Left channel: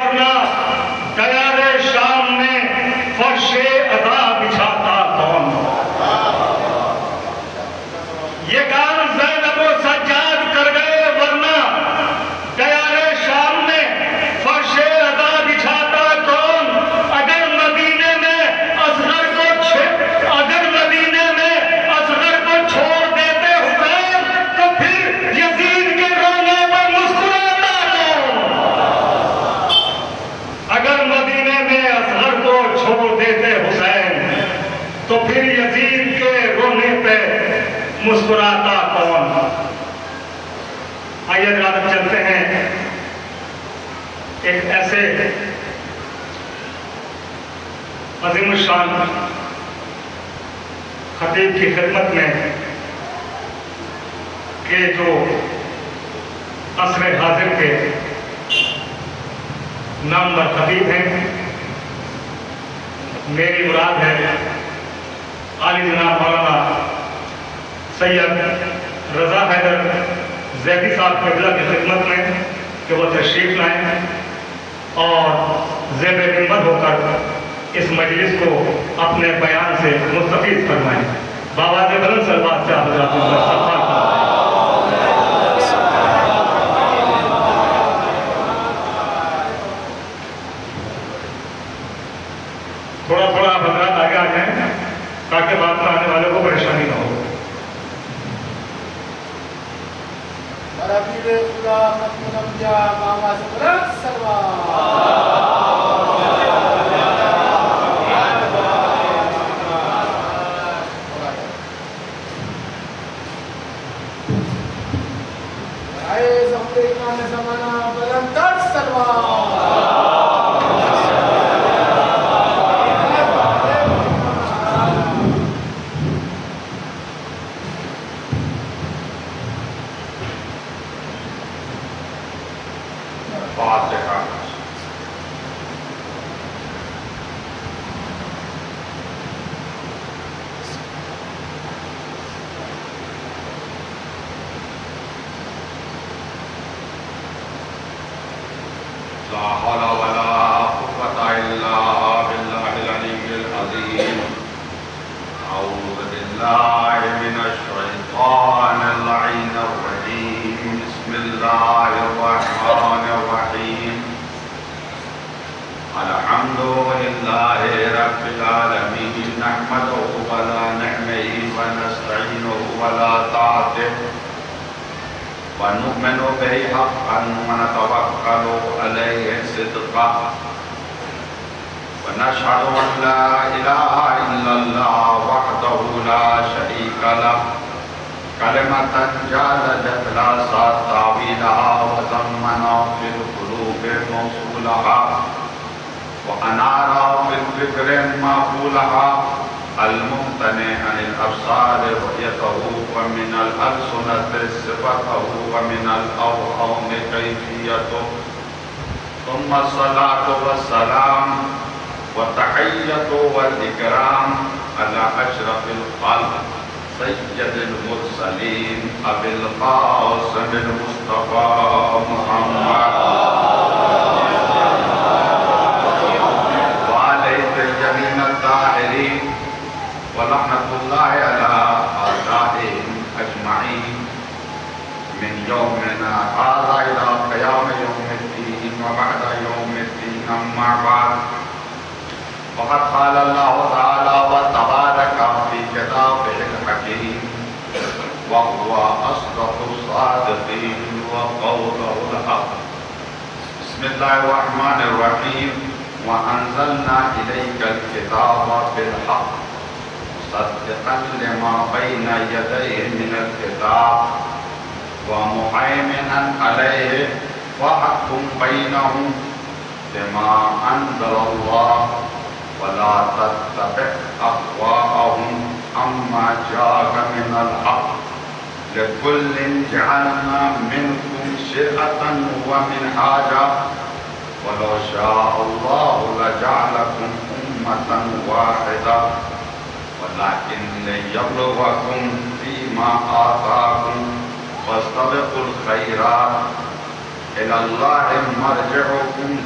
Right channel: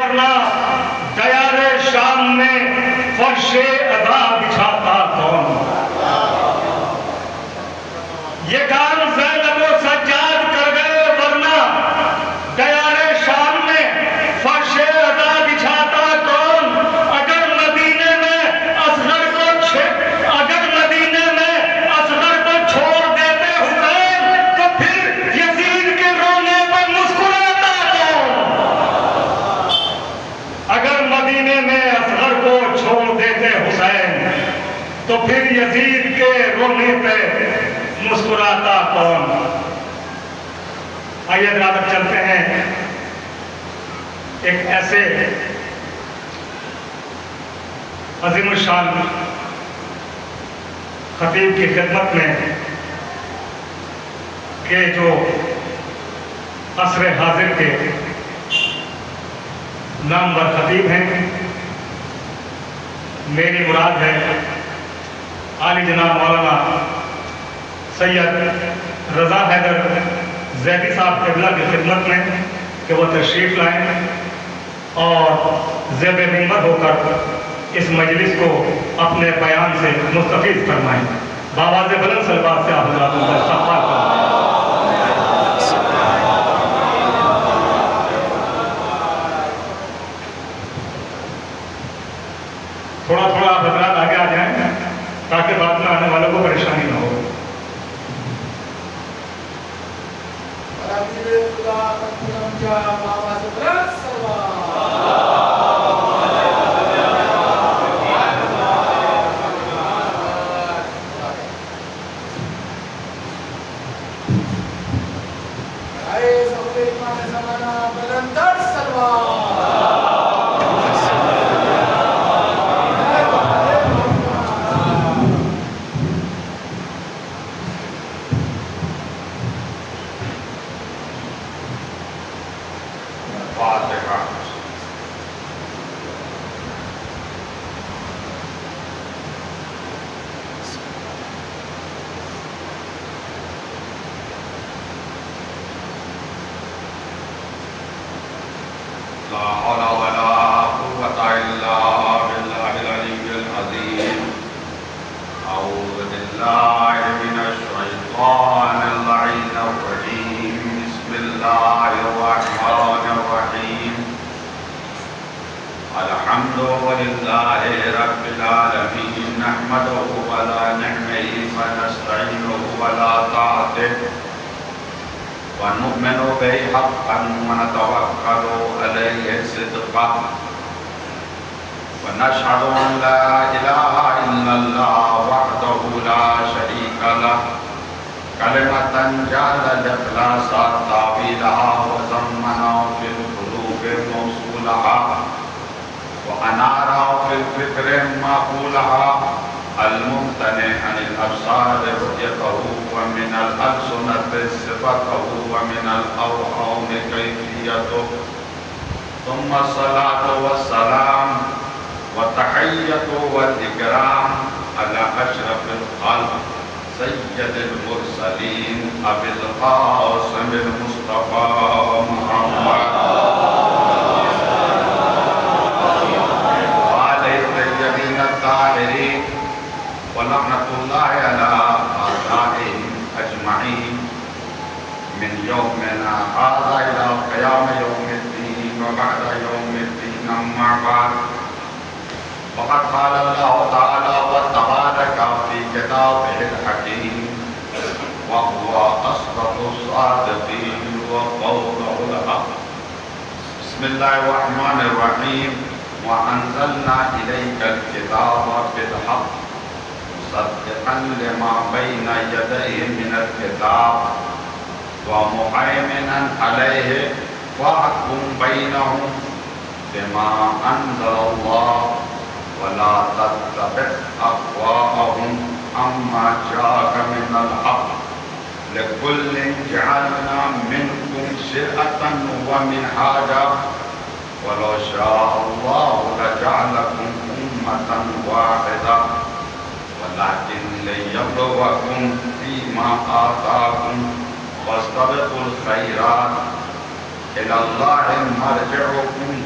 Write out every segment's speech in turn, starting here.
دیار شام میں فرش ادا بچھاتا کون؟ یہ کام زینب و سجاد کر گئے، ورنہ دیار شام میں فرش ادا بچھاتا کون؟ اگر مدینے میں اصغر کو چھوڑ دیتے حسین تو پھر یزید کے رونے پر مسکراتا کون؟ اگر مدینے میں اصغر کو چھوڑ دیتے حسین تو پھر یزید کے رونے پہ مسکراتا کون؟ آئیے ذرا چلتے ہیں ایک ایسے عظیم الشان خطیب کی خدمت میں کہ جو عصر حاضر کے نامور خطیب ہیں. میری مراد ہے عالی جناب مولانا سید رضا حیدر زیدی صاحب قبلہ کی خدمت میں کہ وہ تشریف لائیں اور زیب منبر ہو کر اس مجلس کو اپنے بیان سے مستفید فرمائیں. بآواز بلند صلوات سے آپ حضرات کو استقبال کریں. تھوڑا تھوڑا آپ حضرات آگے آ جائیں تاکہ بعد میں آنے والوں کو پریشانی نہ ہو. لا حول ولا قوة إلا بالله العلي العظيم. أعوذ بالله من الشيطان اللعين الرجيم. بسم الله الرحمن الرحيم. الحمد لله رب العالمين. نحمده على نعمه ونستعينه على طاعته ونؤمن به حقا ونتوكل عليه صدقا ونشهد أن لا إله إلا الله وحده لا شريك له كلمة جعل الإخلاص تعبيرها وزمن في القلوب موصولها وأنار في الفكر معقولها الممتنع عن الأبصار رؤيته ومن الألسنة صفته ومن الأوهام كيفيته. ثم الصلاة والسلام والتحية والإكرام على أشرف الخلق سيد المرسلين أبي القاسم المصطفى محمد وعليه الطيبين الطاهرين ولعنة الله على أعدائهم أجمعين من يومنا هذا إلى قيام يوم الدين وبعد يوم الدين. أما بعد فقد قال الله تعالى وتبارك في كتابه الحكيم وهو أصدق الصادقين وقوله الحق. بسم الله الرحمن الرحيم. وأنزلنا إليك الكتاب بالحق مصدقا لما بين يديه من الكتاب ومهيمنا عليه واحكم بينهم بما أنزل الله ولا تتبع أهواءهم عما جاءك من الحق لكل جعلنا منكم شرعة ومنهاجا ولو شاء الله لجعلكم أمة واحدة ولكن ليبلوكم فيما آتاكم واستبقوا الخيرات إلى الله مرجعكم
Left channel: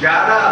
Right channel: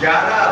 11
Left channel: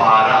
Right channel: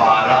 12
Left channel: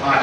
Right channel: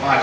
5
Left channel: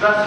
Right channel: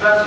10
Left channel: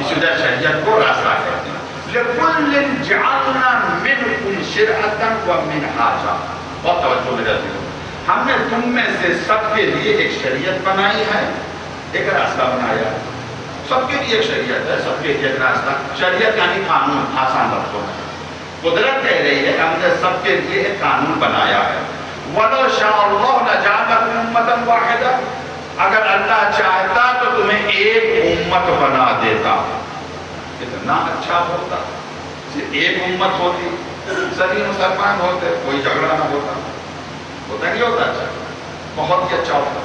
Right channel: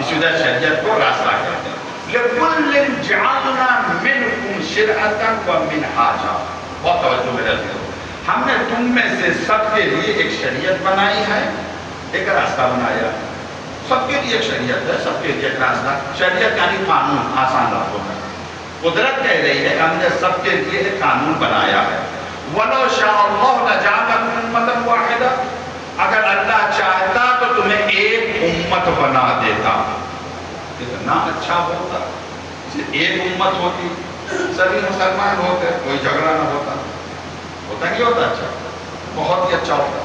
اس وجہ شریعت کو راستہ کہتے ہیں. لِكُلٍّ جَعَلْنَا مِنْكُمْ شِرْعَةً وَمِنْهَاجًا. بہت توجہ میرے عزیزو. ہم نے تم میں سے سب کے لیے ایک شریعت بنائی ہے، ایک راستہ بنایا ہے. سب کے لیے ایک شریعت ہے، سب کے لیے ایک راستہ. شریعت یعنی قانون، آسان لفظوں میں. قدرت کہہ رہی ہے کہ ہم نے سب کے لیے ایک قانون بنایا ہے. وَلَوْ شَاءَ اللَّهُ لَجَعَلَكُمْ أُمَّةً وَاحِدَةً. اگر اللہ چاہتا تو تمہیں ایک امت بنا دیتا. اتنا اچھا ہوتا. ایک امت ہوتی، سبھی مسلمان ہوتے، کوئی جھگڑا نہ ہوتا. ہوتا نہیں ہوتا اچھا؟ بہت ہی اچھا ہوتا.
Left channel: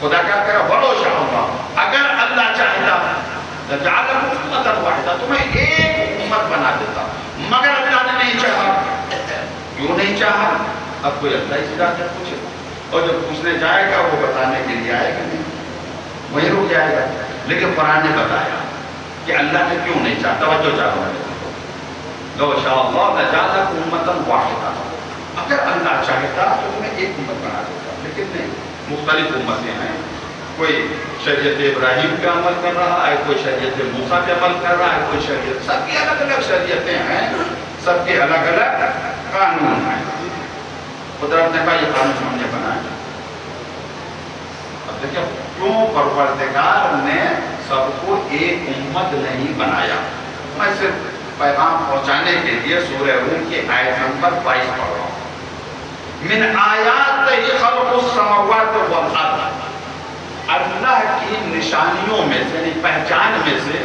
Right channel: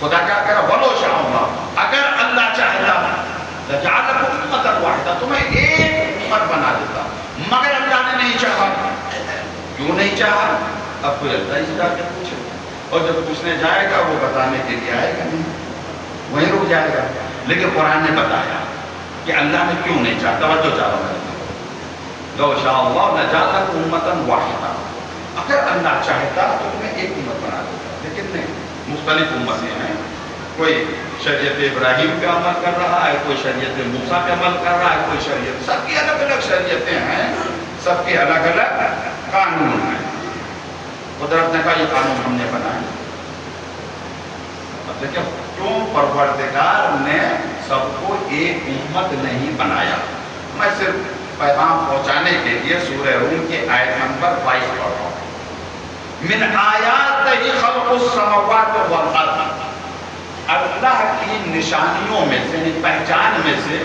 خدا کیا کہہ رہا؟ وَلَوْ شَاءَ اللَّهُ. اگر اللہ چاہتا لَجَعَلَكُمْ أُمَّةً وَاحِدَةً، تمہیں ایک امت بنا دیتا. مگر اللہ نے نہیں چاہا. کیوں نہیں چاہا؟ اب کوئی اللہ ہی سے کیا پوچھے، اور جب پوچھنے جائے گا وہ بتانے کے لیے آئے گا نہیں، وہیں رک جائے گا. لیکن قرآن نے بتایا کہ اللہ نے کیوں نہیں چاہا. توجہ چاہتا ہوں. لَوْ شَاءَ اللَّهُ لَجَعَلَكُمْ أُمَّةً وَاحِدَةً. اگر اللہ چاہتا تو تمہیں ایک امت بنا دیتا. لیکن نہیں، مختلف امتیں ہیں. کوئی شریعت ابراہیم پہ عمل کر رہا ہے، کوئی شریعت موسیٰ پہ عمل کر رہا ہے، کوئی شریعت. سب کی الگ الگ شریعتیں ہیں، سب کے الگ الگ قانون ہیں. قدرت نے کہا یہ قانون ہم نے بنایا. اب دیکھیں کیوں پروردگار نے سب کو ایک امت نہیں بنایا. میں صرف پیغام پہنچانے کے لیے سورہ روم کی آیت نمبر 22 پڑھ رہا ہوں. من آیاتہ خلق السماوات والارض. اللہ کی نشانیوں میں سے، یعنی پہچان میں سے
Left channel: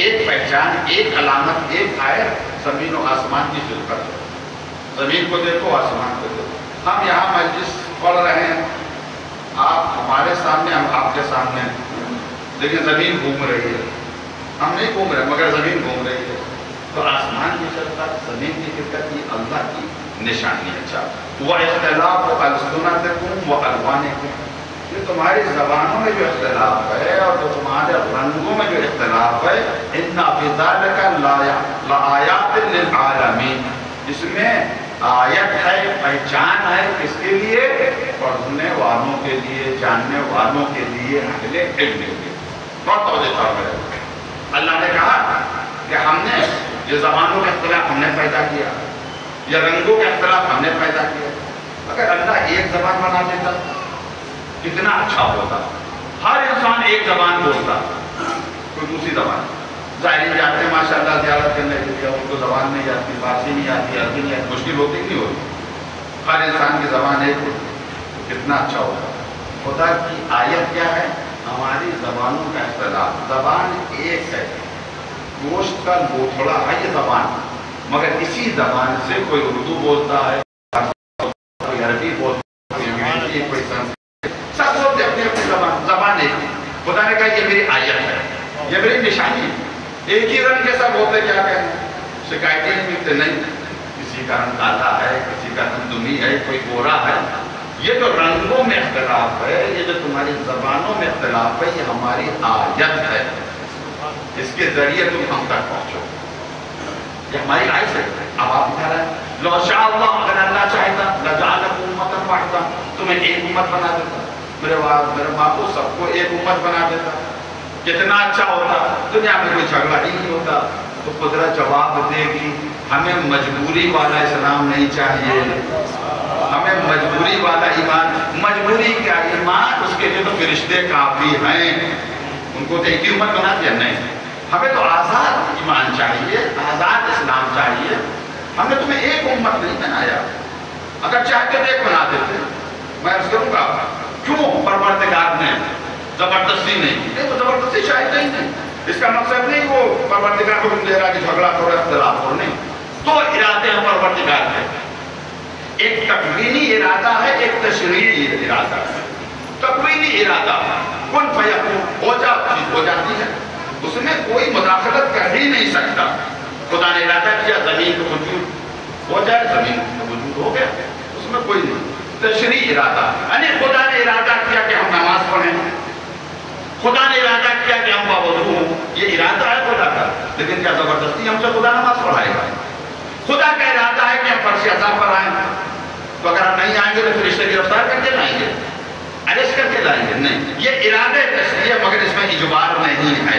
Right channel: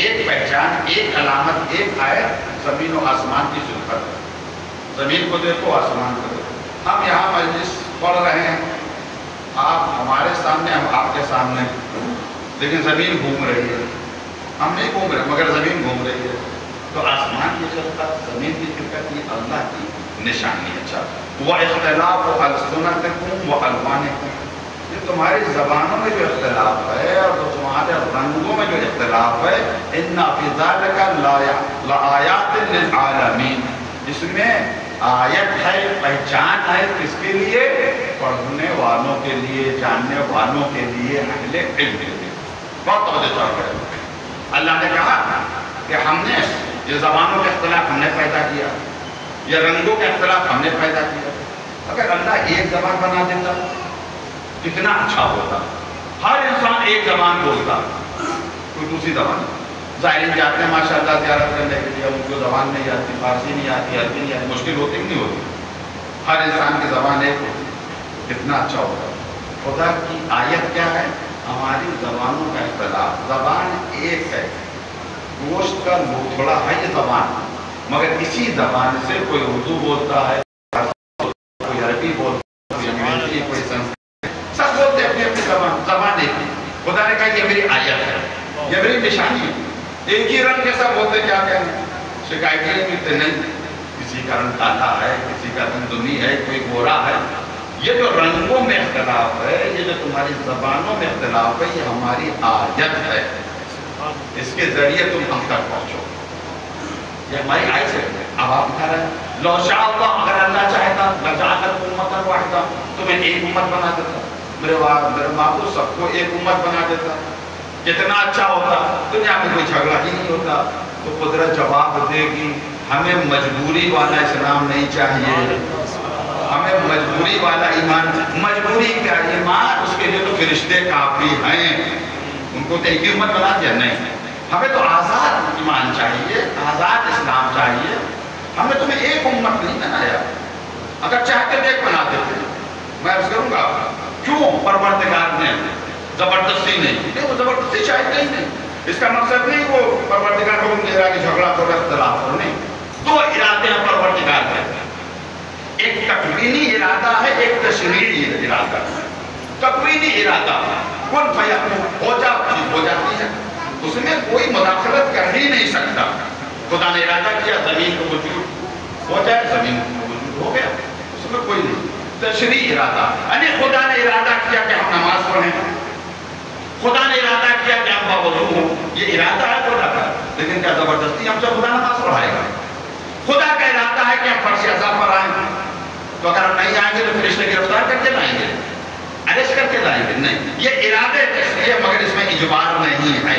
ایک پہچان، ایک علامت، ایک آیت زمین و آسمان کی خلقت ہے. زمین کو دیکھو، آسمان کو دیکھو. ہم یہاں مجلس پڑھ رہے ہیں، آپ ہمارے سامنے، ہم آپ کے سامنے ہیں، لیکن زمین گھوم رہی ہے. ہم نہیں گھوم رہے مگر زمین گھوم رہی ہے. تو آسمان کی خلقت، زمین کی خلقت، یہ اللہ کی نشانی ہے. اچھا، وَإِخْتِلَافُ أَلْسُنَتِكُمْ وَأَلْوَانِكُمْ. یہ تمہاری زبانوں میں جو اختلاف ہے اور جو تمہارے رنگوں میں جو اختلاف ہے، إِنَّ فِي ذَلِكَ لَآيَاتٍ لِلْعَالَمِينَ. اس میں آیت ہے، پہچان ہے. کس کے لیے؟ پڑھنے والوں کے لیے، جاننے والوں کے لیے، اہل علم کے لیے. بہت توجہ چاہتا ہے. اللہ نے کہا کہ ہم نے یہ زبانوں کے اختلاف ہم نے پیدا کیا، یہ رنگوں کے اختلاف ہم نے پیدا کیا. اگر اللہ ایک زبان بنا دیتا کتنا اچھا ہوتا. ہر انسان ایک زبان بولتا، کوئی دوسری زبان. زائرین جاتے ہیں ماشاءاللہ زیارت کرنے کے لیے، ان کو زبان نہیں آتی، فارسی نہیں آتی، عربی نہیں آتی، مشکل ہوتی نہیں ہوتی. ہر انسان کی زبان ایک ہوتی، کتنا اچھا ہوتا. خدا کی آیت کیا ہے؟ ہماری زبانوں کا اختلاف. زبان ایک ہے، گوشت کا لوتھڑا ہے یہ زبان، مگر اسی زبان سے کوئی اردو بولتا ہے، کوئی عربی بولتا ہے، کوئی انگریزی، کوئی سنسکرت، سب بولتے اپنی اپنی زبان. زبان ایک ہے. خدا نے کہا یہ میری آیت ہے، یہ میری نشانی ہے. ایک ہی رنگ کے سب ہوتے، کیا کہنا، شکایتیں نہیں ملتے. نہیں، کسی کا رنگ کالا ہے، کسی کا رنگ دمی ہے، کوئی گورا ہے. یہ جو رنگوں میں اختلاف ہے، یہ جو تمہاری زبانوں میں اختلاف ہے، یہ ہماری آیت ہے. اس کے ذریعے تم ہم تک پہنچو. یہ ہماری آیت ہے. اب آپ کہہ رہے ہیں لو شاء اللہ، اگر اللہ چاہتا لجعلکم امۃ واحدہ، تمہیں ایک امت بنا دیتا. میرے ماں کو سب کو ایک امت بنا دیتا. کتنا اچھا ہوتا. دنیا میں کوئی جھگڑا ہی نہیں ہوتا. تو قدرت جواب دے گی ہمیں مجبوری والا اسلام نہیں چاہیے، ہمیں مجبوری والا ایمان. مجبوری کیا ایمان؟ اس کے لیے تو فرشتے کافی ہیں. ان کو تو ایک امت بنا دیا. نہیں، ہمیں تو آزاد ایمان چاہیے، آزاد اسلام چاہیے. ہم نے تمہیں ایک امت نہیں بنایا. اگر چاہتے تو ایک بنا دیتے. میں عرض کروں گا کیوں پروردگار نے زبردستی نہیں. وہ زبردستی شاید نہیں. اس کا مقصد نہیں وہ پروردگار کو دے رہا کہ جھگڑا کرو، اختلاف کرو. نہیں، دو ارادے ہیں پروردگار کے. ایک تکوینی ارادہ ہے، ایک تشریعی ارادہ ہے. تکوینی ارادہ کن فیکون، ہو جاتی ہے. اس میں کوئی مداخلت کر ہی نہیں سکتا. خدا نے ارادہ کیا زمین کو وجود ہو جائے، زمین کو وجود ہو گیا، اس میں کوئی نہیں. تشریعی ارادہ یعنی خدا نے ارادہ کیا کہ ہم نماز پڑھیں، خدا نے ارادہ کیا کہ ہم باوضو ہوں. یہ ارادہ ہے خدا کا. لیکن کیا زبردستی ہم سے خدا نماز پڑھائے گا؟ خدا کا ارادہ ہے کہ ہم فرض اذان پر آئیں. تو اگر ہم نہیں آئیں گے تو فرشتے گرفتار کر کے لائیں گے، اریسٹ کر کے لائیں گے. نہیں، یہ ارادہ تشریعی ہے، مگر اس میں اجبار نہیں ہے.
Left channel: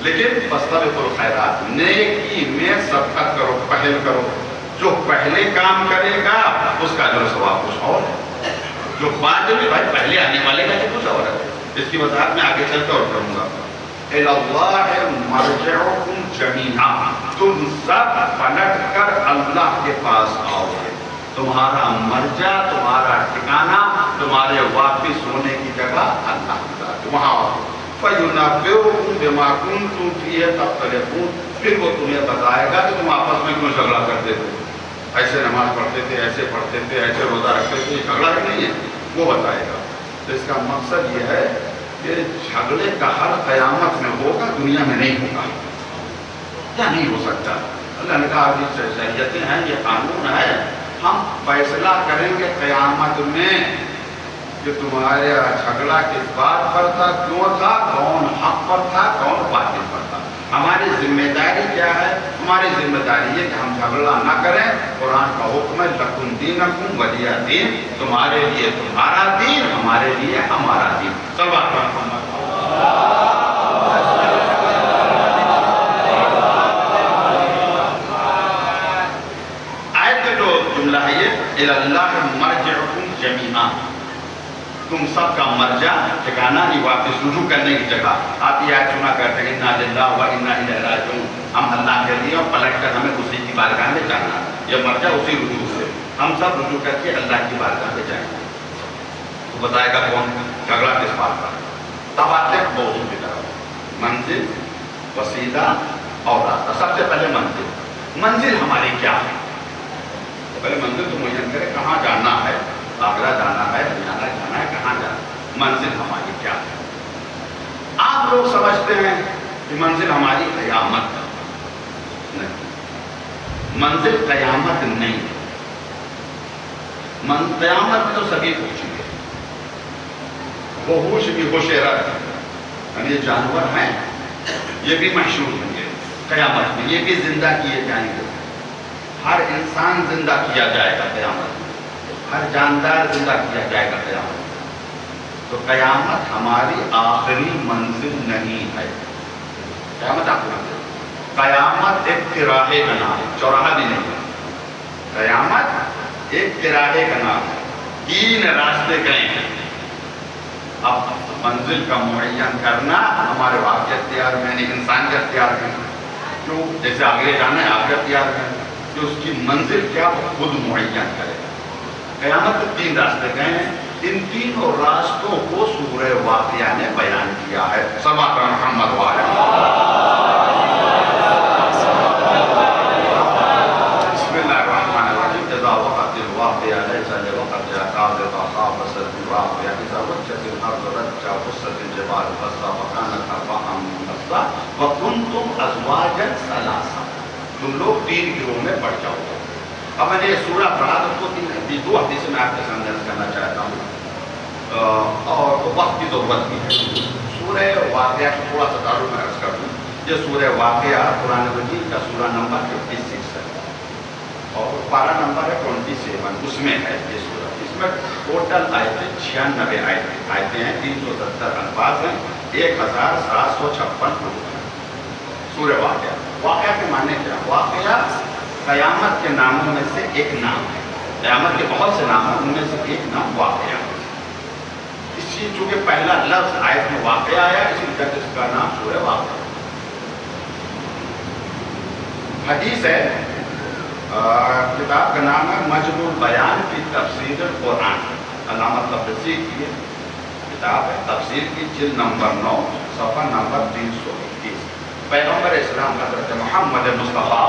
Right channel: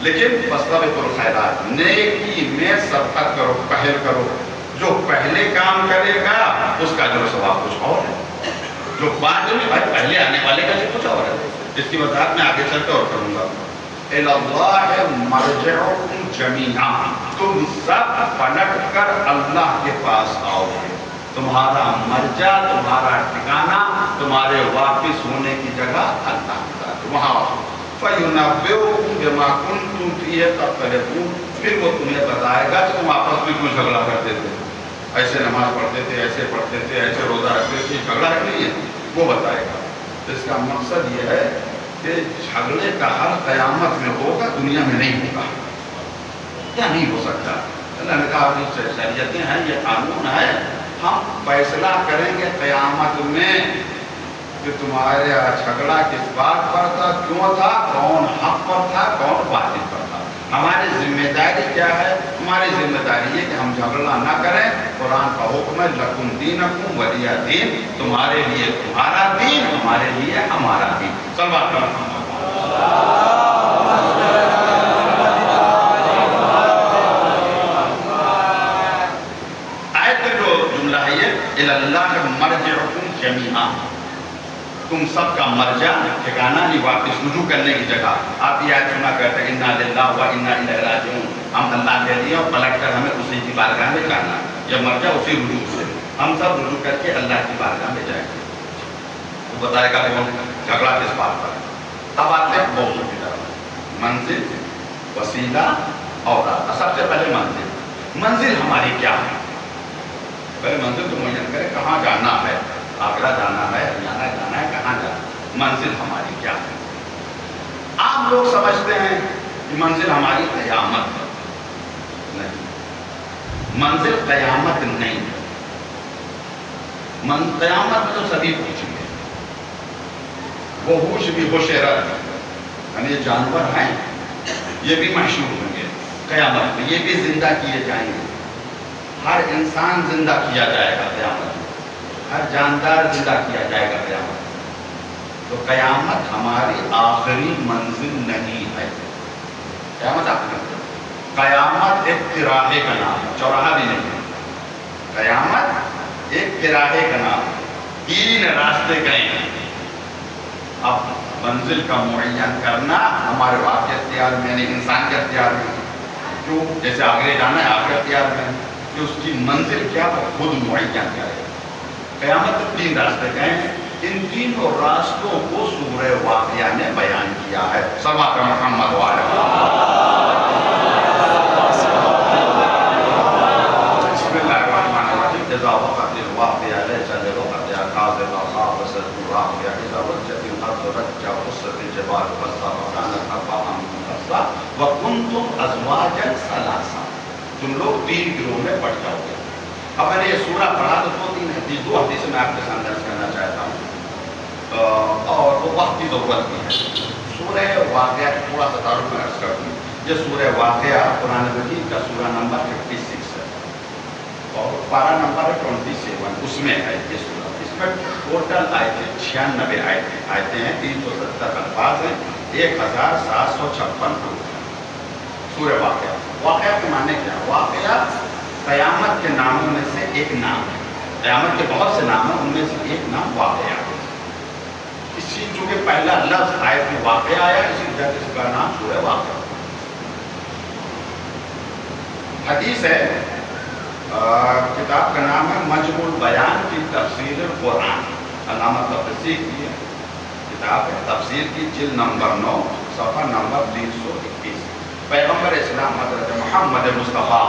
لیکن فاستبقوا الخیرات، نیکی میں سبقت کرو، پہل کرو. جو پہلے کام کرے گا اس کا جو ثواب کچھ اور ہے، جو بعد میں بھائی پہلے آنے والے کا یہ کچھ اور ہے. اس کی وضاحت میں آگے چل کے اور کروں گا. اِلَى اللَّهِ مَرْجِعُكُمْ جَمِيعًا، تم سب پلٹ کر اللہ کے پاس آؤ گے. تمہارا مرجع، تمہارا ٹھکانہ، تمہارے واپس ہونے کی جگہ اللہ کا، وہاں آؤ. فَيُنَبِّئُكُمْ بِمَا كُنْتُمْ فِيهِ تَخْتَلِفُونَ، پھر وہ تمہیں بتائے گا کہ تم آپس میں کیوں جھگڑا کرتے تھے. ایسے نماز پڑھتے تھے، ایسے پڑھتے تھے، ایسے روزہ رکھتے تھے، جھگڑا ہی نہیں ہے، وہ بتائے گا. تو اس کا مقصد یہ ہے کہ جھگڑے کا حل قیامت میں ہوگا، دنیا میں نہیں ہوگا. کیا نہیں ہو سکتا؟ اللہ نے کہا شریعتیں ہیں، یہ قانون ہے، ہم فیصلہ کریں گے قیامت میں کہ تمہارے جھگڑا کس بات پر تھا، کیوں تھا، کون حق پر تھا، کون باطل پر تھا. ہماری ذمہ داری کیا ہے؟ ہماری ذمہ داری یہ کہ ہم جھگڑا نہ کریں. قرآن کا حکم ہے لکم دینکم ولیہ دین، تمہارے لیے تمہارا دین، ہمارے لیے ہمارا دین. صلوات پڑھو. آیت کا جو جملہ ہے یہ اِلَى اللَّهِ مَرْجِعُكُمْ جَمِيعًا، تم سب کا مرجع، ٹھکانہ نہیں، واپس رجوع کرنے کی جگہ. آپ یہ آیت سنا کرتے ہیں اِنَّا لِلَّهِ وَإِنَّا إِلَيْهِ رَاجِعُونَ، ہم اللہ کہہ دیا اور پلٹ کر ہمیں اسی کی بارگاہ میں جانا. یہ مرجع اسی رجوع سے، ہم سب رجوع کر کے اللہ کی بارگاہ میں جائیں گے. وہ بتائے گا کون جھگڑا کس بات پر. اب آتے ہیں موضوع کی طرف، منزل، وسیلہ اور راستہ. سب سے پہلے منزل ہماری کیا ہے؟ پہلے منزل تو معین کرے، کہاں جانا ہے. آگرہ جانا ہے، ہریانہ جانا ہے، کہاں جانا ہے؟ منزل ہماری کیا ہے؟ آپ لوگ سمجھتے ہیں کہ منزل ہماری قیامت ہے. نہیں، منزل قیامت نہیں. قیامت میں تو سبھی پوچھیں گے. وحوش بھی حشرت، یعنی یہ جانور ہیں، یہ بھی محشور ہوں گے قیامت میں، یہ بھی زندہ کیے جائیں گے. ہر انسان زندہ کیا جائے گا قیامت میں، ہر جاندار زندہ کیا جائے گا قیامت میں. تو قیامت ہماری آخری منزل نہیں ہے. قیامت آخری منزل، قیامت ایک تراہے کا نام ہے، چوراہا بھی نہیں ہے. قیامت ایک تراہے کا نام ہے، 3 راستے گئے ہیں. اب منزل کا معین کرنا ہمارے باپ کے اختیار میں، یعنی انسان کے اختیار میں. کیوں؟ جیسے آگے جانا ہے آپ کے اختیار میں، کہ اس کی منزل کیا وہ خود معین کرے. قیامت 3 راستے گئے ہیں. ان 3 راستوں کو سورہ واقعہ نے بیان کیا ہے. صلوات محمد وعلیہ. بسم اللہ الرحمن الرحیم. اذا وقعت الواقعہ لیس لوقعتها کاذبۃ خافضۃ واقعہ، اذا رجت الارض رجا وبست الجبال بسا وكانت هباء منبثا وكنتم ازواجا ثلاثا. تم لوگ 3 گروہ میں بٹ جاؤ گے. اب میں نے یہ سورہ پڑھا تو 2 حدیثیں میں آپ کے سامنے درج کرنا چاہتا ہوں، اور وہ وقت کی ضرورت بھی ہے. سورہ واقعہ کا تھوڑا سا تعارف میں عرض کر دوں. یہ سورہ واقعہ قرآن مجید کا سورہ نمبر 56 ہے اور پارہ نمبر ہے 27، اس میں ہے یہ سورہ. اس میں ٹوٹل آیتیں 96 آیتیں ہیں، 370 الفاظ ہیں، 1756 حروف ہیں. سورہ واقعہ. واقعہ کے معنی کیا؟ واقعہ قیامت کے ناموں میں سے ایک نام ہے. قیامت کے بہت سے نام ہیں، ان میں سے ایک نام واقعہ ہے. اسی چونکہ پہلا لفظ آیت میں واقعہ آیا، اسی وجہ سے اس کا نام سورہ واقعہ. حدیث ہے، کتاب کا نام ہے مجموع البیان کی تفسیر القرآن. علامہ تبریزی کی کتاب ہے تفسیر کی، جلد نمبر 9 صفحہ نمبر 321. پیغمبر اسلام حضرت محمد مصطفیٰ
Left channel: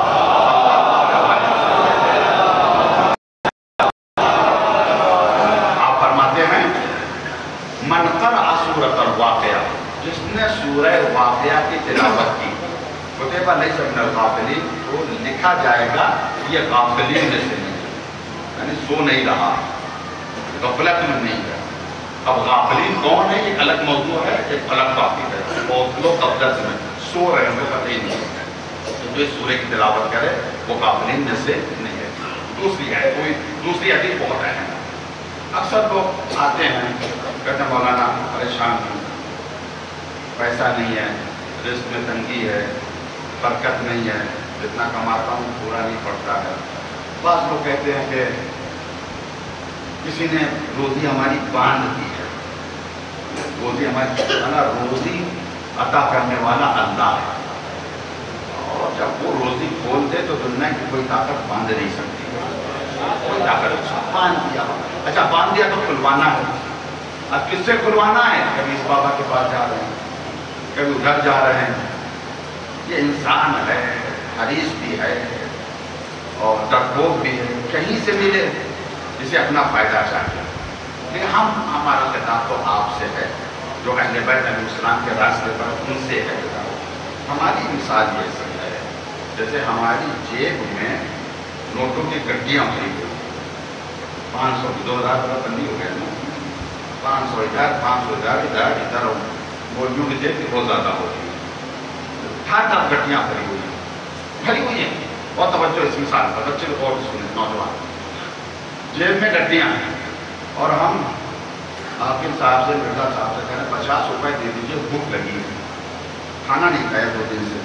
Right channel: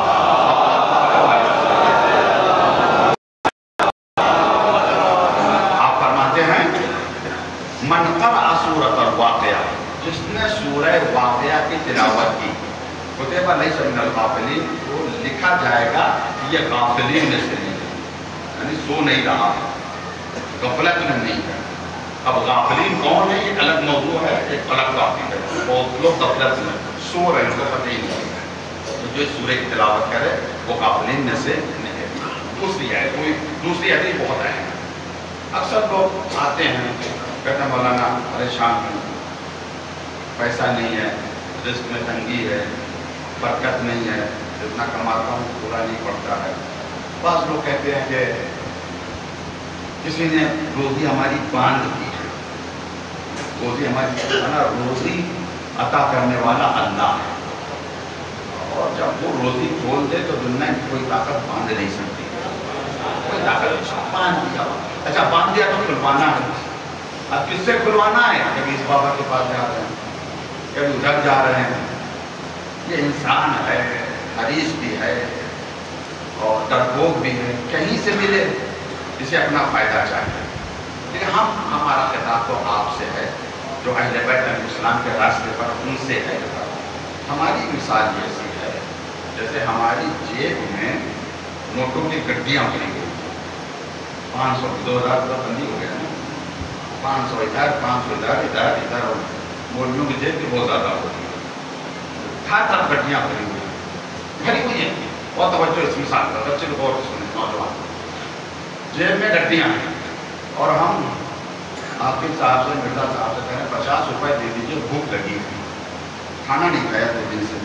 آپ فرماتے ہیں من قرأ سورۃ الواقعہ، جس نے سورہ واقعہ کی تلاوت کی، کتب لیس من الغافلین، تو لکھا جائے گا یہ غافلین میں سے نہیں ہے، یعنی سو نہیں رہا، غفلت میں نہیں ہے. اب غافلین کون ہے یہ الگ موضوع ہے، ایک الگ ٹاپک ہے. بہت لوگ غفلت میں سو رہے ہیں، جو پتہ ہی نہیں ہے. تو جو اس سورہ کی تلاوت کرے وہ غافلین میں سے نہیں ہے. دوسری ہے، کوئی دوسری حدیث بہت اہم ہے. اکثر لوگ آتے ہیں کہتے ہیں مولانا پریشان ہیں، پیسہ نہیں ہے، رزق میں تنگی ہے، برکت نہیں ہے، جتنا کماتا ہوں پورا نہیں پڑتا ہے. بعض لوگ کہتے ہیں کہ کسی نے روزی ہماری باندھ دی ہے. روزی ہماری روزی عطا کرنے والا اللہ ہے، اور جب وہ روزی کھول دے تو دنیا کی کوئی طاقت باندھ نہیں سکتی. کوئی طاقت باندھ دیا، اچھا باندھ دیا تو کھلوانا ہے. اب کس سے کھلوانا ہے؟ کبھی اس بابا کے پاس جا رہے ہیں، کبھی ادھر جا رہے ہیں. یہ انسان ہے، حریص بھی ہے اور ڈرپوک بھی ہے، کہیں سے ملے اسے اپنا فائدہ چاہیے. لیکن ہمارا خطاب تو آپ سے ہے جو اہل بیت علیہ السلام کے راستے پر ان سے ہے. ہماری مثال یہ سی ہے جیسے ہماری جیب میں نوٹوں کی گڈیاں بھری ہوئی، 500 2000 روپئے بندی ہو گئے نا، 500 ادھر 500 ادھر ادھر ادھر. مولویوں کی جیب بھی بہت زیادہ ہوتی ہے، ہر گڈیاں بھری ہوئی ہیں. بہت توجہ اس مثال کا، بچے لوگ اور سنیں، نوجوان. جیب میں گڈیاں ہیں اور ہم حافظ صاحب سے مرزا صاحب سے کہیں 50 روپئے دے دیجیے، بھوک لگی ہے، کھانا نہیں کھایا 2 دن سے.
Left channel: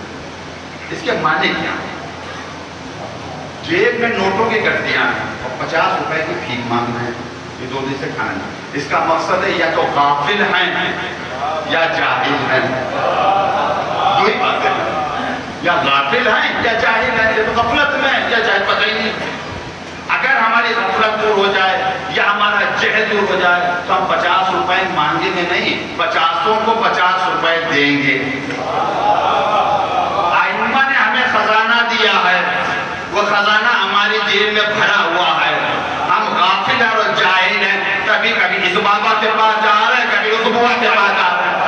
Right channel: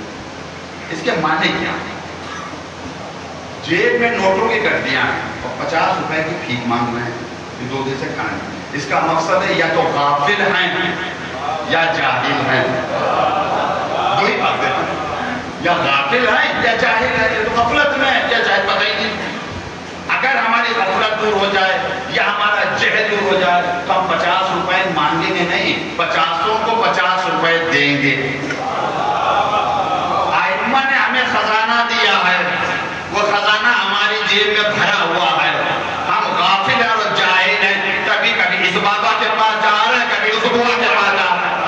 اس کے معنی کیا ہے؟ جیب میں نوٹوں کی گڈیاں ہیں اور 50 روپئے کی بھیک مانگ رہے ہیں کہ 2 دن سے کھانا نہیں. اس کا مقصد ہے یا تو غافل ہیں یا جاہل ہیں. دو ہی باتیں ہیں، یا غافل ہیں یا جاہل ہیں. یا تو غفلت میں یا جاہل، پتہ ہی نہیں. اگر ہماری غفلت دور ہو جائے یا ہمارا جہل دور ہو جائے تو ہم 50 روپئے مانگیں گے نہیں، 50 کو 50 روپئے دیں گے. ائمہ نے ہمیں خزانہ دیا ہے، وہ خزانہ ہماری جیب میں بھرا ہوا ہے. ہم غافل ہیں اور جاہل ہیں. کبھی کبھی اس بابا کے پاس جا رہے ہیں، کبھی اس بوا کے پاس جا رہے ہیں.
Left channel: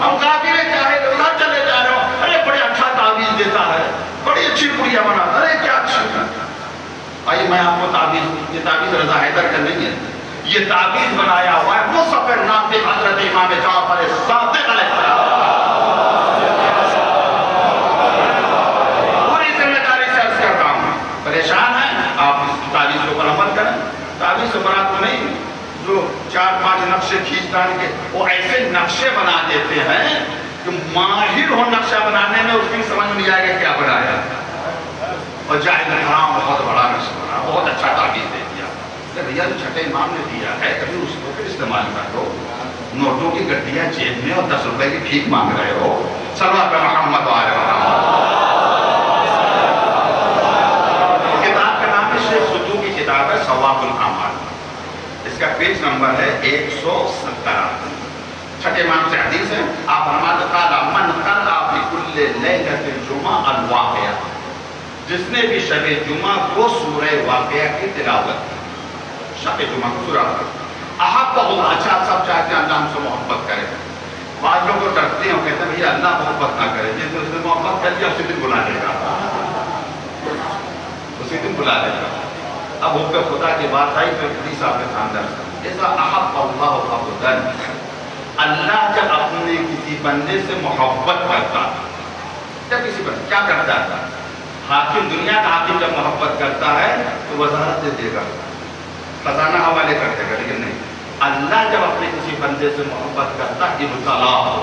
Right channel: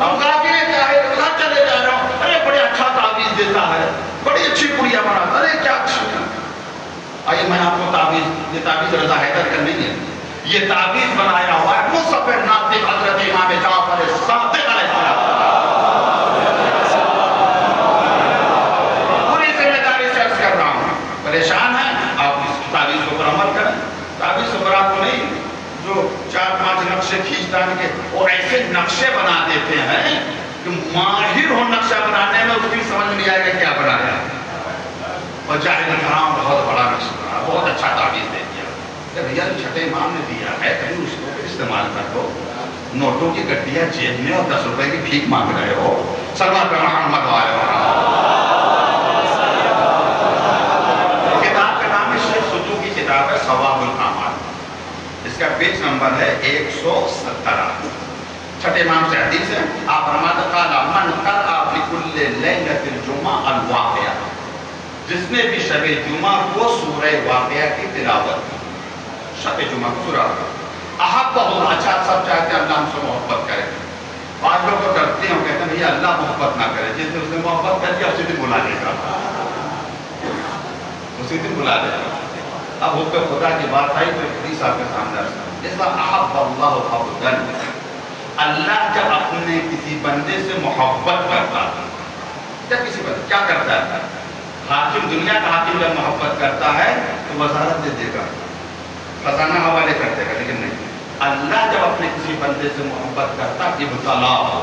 ہم غافل ہیں، جاہل ہیں. چلے جا رہے ہو، ارے بڑے اچھا تعویذ دیتا ہے، بڑی اچھی پڑیا بناتا ہے، ارے کیا اچھی ہے. آئیے میں آپ کو تعویذ، یہ تعویذ رضا حیدر کا نہیں ہے، یہ تعویذ بنایا ہوا ہے مصطفی ناطق حضرت امام جعفر صادق علیہ السلام. پوری ذمہ داری سے عرض کر رہا ہوں. پریشان ہیں آپ اس تعویذ کے اوپر عمل کریں. تعویذ سے برات تو نہیں جو 4-5 نقشے کھینچ ڈال کے وہ ایسے نقشے بنا دیتے ہیں کہ ماہر ہو نقشہ بنانے میں اس کی سمجھ نہیں آئے گا کیا بنایا. اور جاہل حرام بہت بڑا نقشہ بنا، بہت اچھا تعویذ دے دیا. بھیا چھٹے امام نے دیا ہے، کبھی اس کو پھر استعمال کر لو. نوٹوں کی گڈیاں جیب میں اور 10 روپئے کی بھیک مانگ رہے ہو. صلوات پہ محمد وآلہ کتاب کا نام ہے شیخ ستو کی کتاب ہے ثواب الاعمال. اس کا پیج نمبر ہے 117. چھٹے امام سے حدیث ہے. آپ فرماتے قال من قرأ فی کل لیلۃ الجمعہ الواقعہ، جس نے بھی شب جمعہ کو سورہ واقعہ کی تلاوت کی. شب جمعہ کو سورہ احب اللہ، اچھا سب چاہتے ہیں اللہ ہم سے محبت کرے. بعض لوگ کو ڈرتے ہیں، وہ کہتے ہیں اللہ محبت نہ کرے. جس نے اس نے محبت کر دیا اسی دن بلا دے گا، اسی دن بلا دے گا. اب حب خدا کی بات آئی تو حدیث آپ کے سامنے جیسا احب اللہ عبدا، اللہ جب اپنے کسی بندے سے محبت کرتا ہے، جب کسی بندے کیا کرتا ہے، حاکم دنیا کا حاکم جب محبت کرتا ہے تو وزارت دے دے گا، خزانہ حوالے کر دے گا. لیکن نہیں، اللہ جب اپنے کسی بندے سے محبت کرتا ہے ابتلا ہو،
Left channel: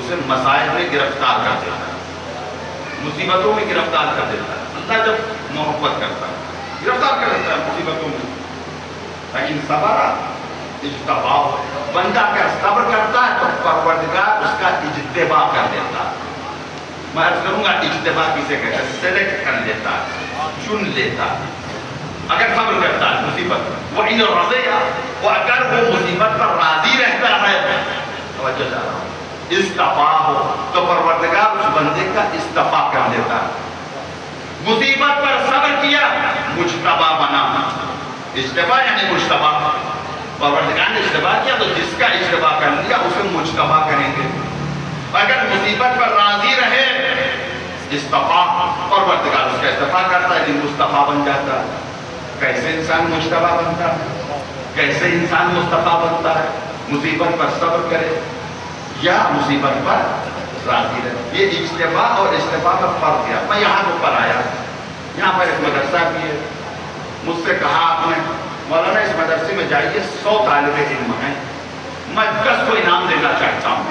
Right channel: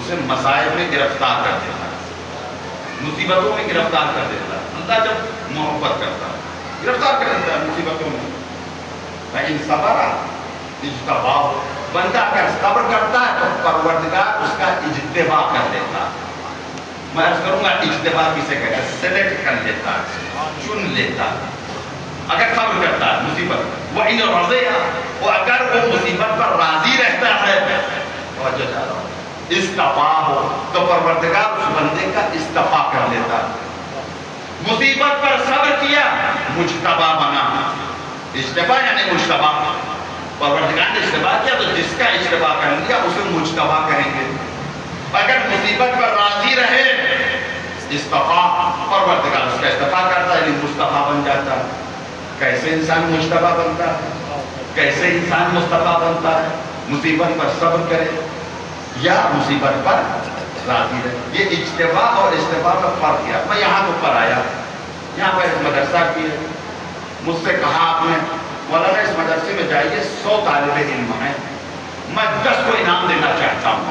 اسے مصائب میں گرفتار کر دیتا ہے، مصیبتوں میں گرفتار کر دیتا ہے. اللہ جب محبت کرتا ہے گرفتار کر دیتا ہے مصیبتوں میں. لیکن صبر اجتباء، بندہ اگر صبر کرتا ہے تو پروردگار اس کا اجتباء کر دیتا ہے. میں عرض کروں گا اجتباء کسے کہتے ہیں؟ سلیکٹ کر لیتا ہے، چن لیتا ہے. اگر صبر کرتا ہے مصیبت، وہ ان رضیہ، وہ اگر وہ مصیبت پر راضی رہتا ہے، توجہ جا رہا ہوں، استفاء ہو تو پروردگار اس بندے کا استفاء کر دیتا ہے. مصیبت پر صبر کیا، مجتبی بنا. اجتباء یعنی مجتبی، پروردگار نے اجتباء کیا تو جس کا اجتباء کر لیا اسے مجتبی کریں گے. اگر مصیبت پر راضی رہے، استفاء، پروردگار اس کا استفاء کرتا ہے، مصطفیٰ بن جاتا ہے. کیسے انسان مجتبی بنتا ہے، کیسے انسان مصطفیٰ بنتا ہے؟ مصیبت پر صبر کرے یا مصیبت پر راضی رہے. یہ اجتباء اور استفاء میں فرق کیا. میں یہاں پر آیا، یہاں پر ایک مدرسہ بھی ہے. مجھ سے کہا آپ نے مولانا اس مدرسے میں جائیے 100 طالب علم ہیں، میں 10 کو انعام دینا چاہتا ہوں.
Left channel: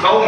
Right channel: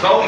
100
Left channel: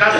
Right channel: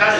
10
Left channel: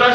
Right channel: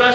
10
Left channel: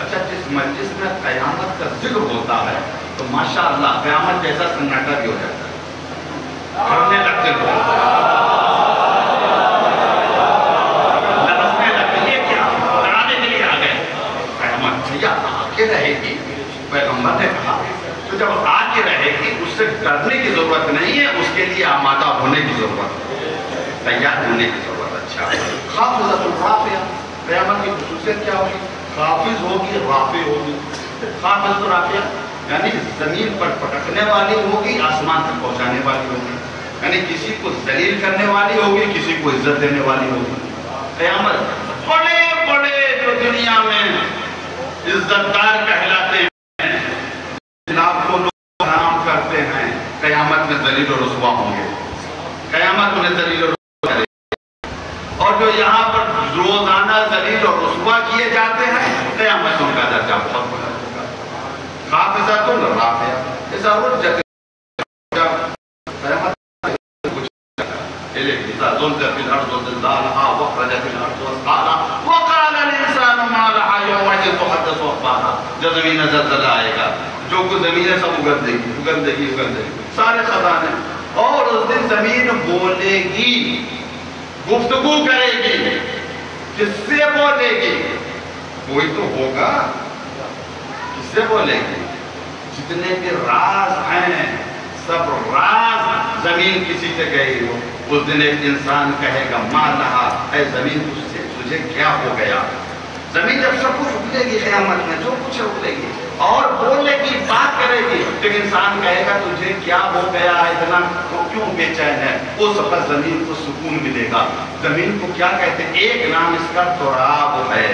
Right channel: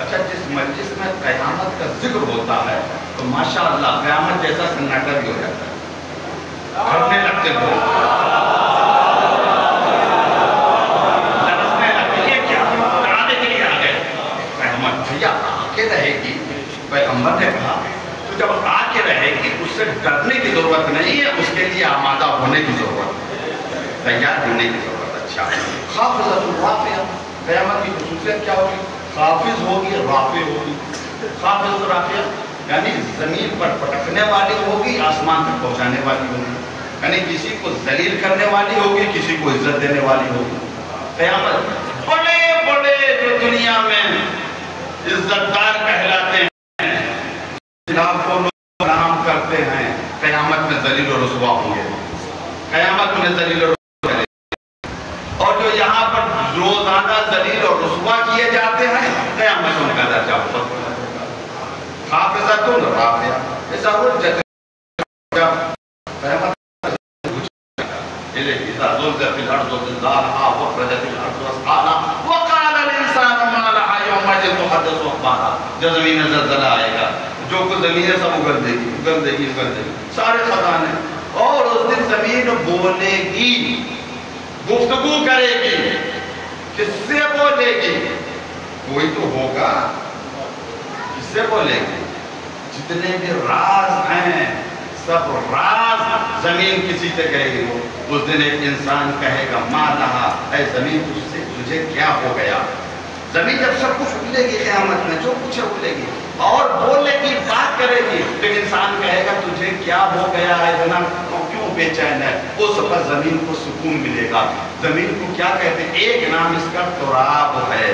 اچھا جس مجلس میں قیامت کا ذکر ہوتا ہے تو ماشاءاللہ قیامت جیسا سناٹا بھی ہو جاتا ہے، کرنے لگتے لوگ، لرزنے لگتے، یہ کیا ڈرانے کے لیے آ گئے؟ قیامت بھیا آ کے رہے گی، پیغمبر نے کہا تو جب آ کے رہے گی اس سے ڈرنے کی ضرورت نہیں ہے، اس کے لیے آمادہ ہونے کی ضرورت ہے، تیار ہونے کی ضرورت ہے۔ اچھا خافضۃ رافعہ، قیامت کی خصوصیت کیا ہوگی؟ خافض ہوگی، رافع ہوگی۔ خافضۃ رافعہ یعنی زمین پر پٹکنے والی ہوگی، آسمان تک پہنچانے والی ہوگی، یعنی کسی کو ذلیل کرنے والی ہوگی، کسی کو عزت دینے والی ہوگی۔ قیامت بڑے بڑے جو دنیا میں عزت دار کہلاتے ہیں، خلاف کو لوگ کام کرتے ہیں، قیامت میں ذلیل و رسوا ہوں گے، قیامت میں ذلیل و رسوا کرے گی۔ اور جو یہاں پر روزانہ ذلیل اور رسوا کیے جاتے ہیں، قیامت میں ان کا درجہ بہت بلند ہوگا۔ حافظۃ رافعہ، ایسا وہ جگہ قیامت إذا زلزلت الأرض زلزالها وأخرجت الأرض أثقالها وقال الإنسان ما لها يومئذ تحدث أخبارها، جب زمین میں زلزلہ آئے گا، جو کچھ زمین ہے سب اگل دے گی، اگل دے گی، اگل دے گی، سارے خزانے، اور اس دن زمین بولے گی، گفتگو کرے گی، کس سے بولے گی؟ کوئی تو ہوگا، کس سے بولے گی؟ جتنے کے راز ہیں سب راز زمین کسی سے کہے گی۔ اس دن ایک انسان کہے گا ما لہا، اے زمین تجھے کیا ہو گیا؟ زمین جب سب کچھ اگلے گی قیامت میں، جو کچھ اگلے گی اور بولنے کی بات کرے گی، تو انسان کہے گا تجھے کیا ہو گیا ہے، اتنا کیوں بے چین ہے؟ اس وقت زمین کو سکون ملے گا۔ زمین کو کیا کہتے ہیں؟ ایک نام اس کا تراب ہے۔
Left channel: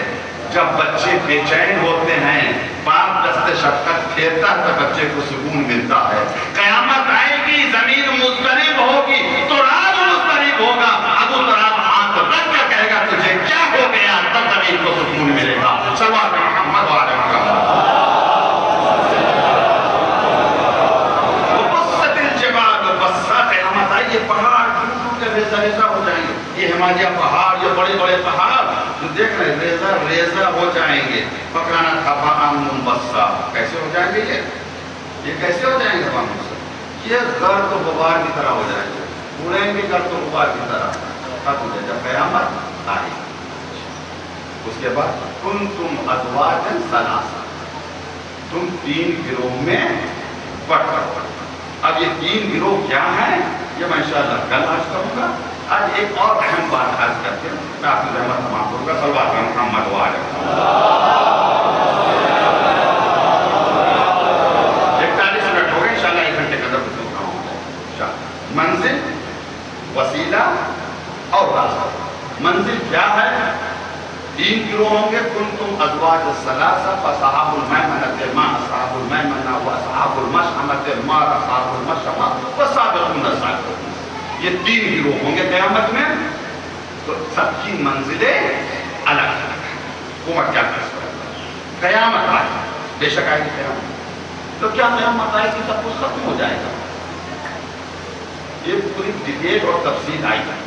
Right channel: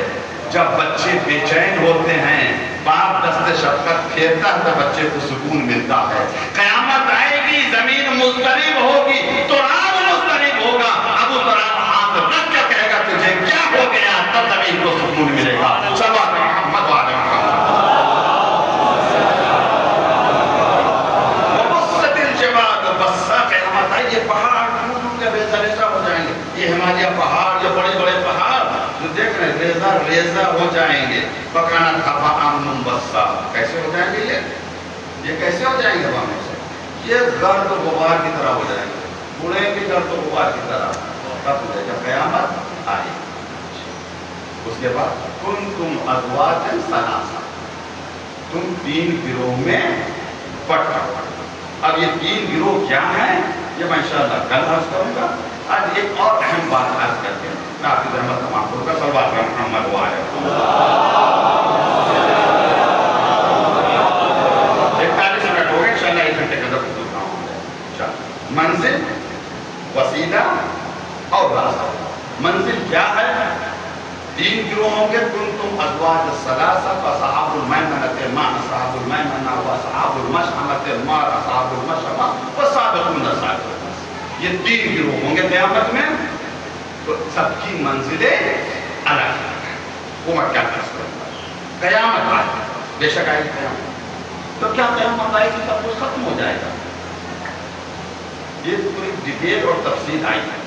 جب بچے بے چین ہوتے ہیں، باپ دست شفقت پھیرتا ہے تو بچے کو سکون ملتا ہے۔ قیامت آئے گی، زمین مضطرب ہوگی، تراب مضطرب ہوگا، ابو تراب ہاتھ رکھ کے کہے گا تجھے کیا ہو گیا، تب زمین کو سکون ملے گا۔ صلوات محمد وعلیہ وبست الجبال بسا، قیامت آئے گی، پہاڑ ٹوٹ ٹوٹ کے ریزہ ریزہ ہو جائیں گے۔ یہ ہمالیہ پہاڑ، یہ بڑے بڑے پہاڑ جو دیکھ رہے ہیں ریزہ ریزہ ہو جائیں گے۔ فَكَانَتْ هَبَاءً مُنبَثًّا، کیسے ہو جائیں گے؟ یہ کیسے ہو جائیں گے؟ وہاں سے یہ گرد و غبار کی طرح ہو جائیں گے، اڑیں گے گرد و غبار کی طرح۔ اب جب قیامت آئے اس کے بعد كُنْتُمْ أَزْوَاجًا ثَلَاثًا، تم 3 گروہ میں بٹ کر۔ اب یہ 3 گروہ کیا ہیں یہ میں انشاءاللہ کل عرض کروں گا۔ آج ایک اور اہم بات عرض کرتے ہیں، کافی رحمت تمام کروں گا۔ صلوات محمد وعلیہ 41 منٹ ہو گئے، انشاءاللہ 1 گھنٹے کے اندر منزل، وسیلہ اور راستہ۔ منزل کیا ہے؟ 3 گروہ ہوں گے، کنتم ازواج الثلاثہ فاصحاب المیمنۃ ما اصحاب المیمنہ واصحاب المشأمۃ ما اصحاب المشأمہ والسابقون السابقون۔ یہ 3 گروہ ہوں گے قیامت میں، تو سب کی منزلیں الگ الگ ہیں۔ عمر کیا کر سکتا ہے؟ قیامت آئے، بے شک آئے قیامت، تو کیا قیامت آئے کہ سب کچھ ختم ہو جائے گا؟ یہ پوری ڈیٹیل اور تفصیل آئی ہے۔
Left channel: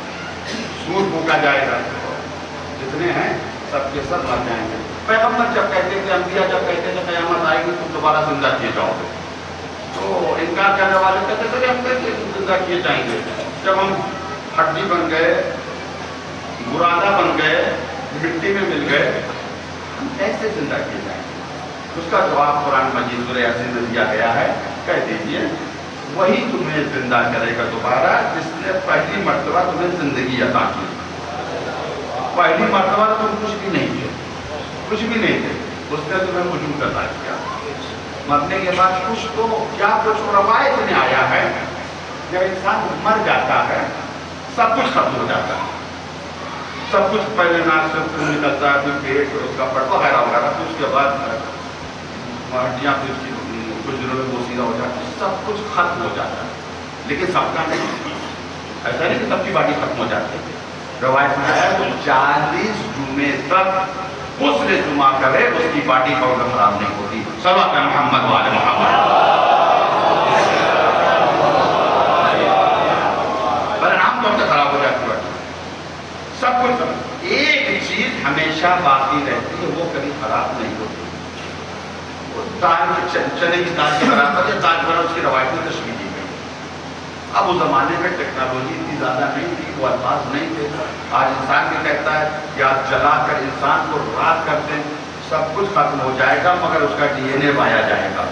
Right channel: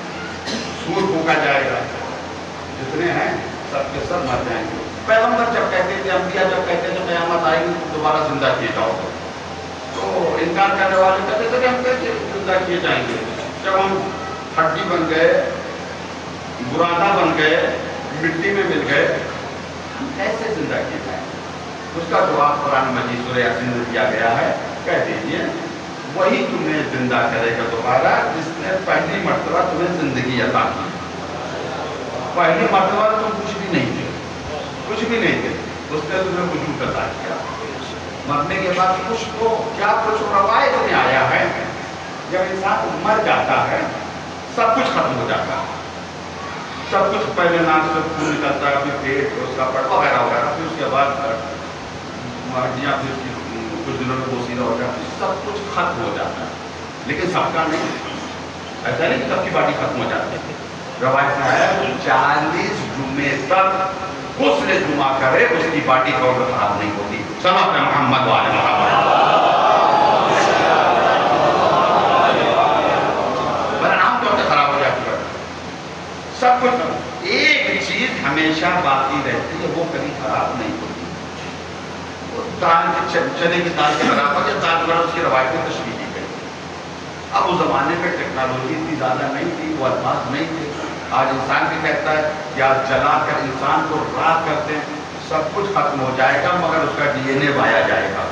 سور پھونکا جائے گا، جتنے ہیں سب کے سب مر جائیں گے۔ پیغمبر جب کہتے تھے، انبیاء جب کہتے تھے قیامت آئے گی تو دوبارہ زندہ کیے جاؤ گے، تو انکار کرنے والے کہتے تھے ہم کیسے زندہ کیے جائیں گے؟ جب ہم ہڈی بن گئے، برادا بن گئے، مٹی میں مل گئے، ہم کیسے زندہ کیے جائیں گے؟ اس کا جواب قرآن مجید سورہ یاسین میں دیا گیا ہے، کہہ دیجئے وہی تمہیں زندہ کرے گا دوبارہ جس نے پہلی مرتبہ تمہیں زندگی عطا کی۔ پہلی مرتبہ تم کچھ بھی نہیں تھے، کچھ بھی نہیں تھے، اس نے تمہیں وجود عطا کیا۔ مرنے کے بعد کچھ تو کیا کچھ روایت میں آیا ہے، جب انسان مر جاتا ہے سب کچھ ختم ہو جاتا ہے، سب کچھ پہلے ناک سے خون نکلتا ہے، پھر پیٹ اور اس کا پٹ وغیرہ وغیرہ، پھر اس کے بعد ہڈیاں پھر کچھ دنوں میں بوسیدہ ہو جاتا ہے، سب کچھ ختم ہو جاتا ہے، لیکن سب کا نہیں۔ ایسا نہیں کہ سب کی باڈی ختم ہو جاتی ہے، روایت میں ہے 40 جمعے تک غسل جمعہ کرے اس کی باڈی پاؤڈر خراب نہیں ہوتی۔ صلوات محمد وعلی محمد۔ پر عام طور سے خراب ہو جاتی ہے سب کچھ، ایک چیز ہمیشہ باقی رہتی ہے، وہ کبھی خراب نہیں ہوتی، چنے کی دال کے برابر یا دال کے برابر اس کی روایتی تشریح کی ہے۔ اب اس زمانے میں ٹیکنالوجی اتنی زیادہ نہیں تھی، وہ الفاظ نہیں تھے۔ آج انسان بھی کہتا ہے کہ آج جلا کر انسان کو راکھ کرتے ہیں، سب کچھ ختم ہو جائے گا مگر اس کا ڈی این اے پایا جائے گا،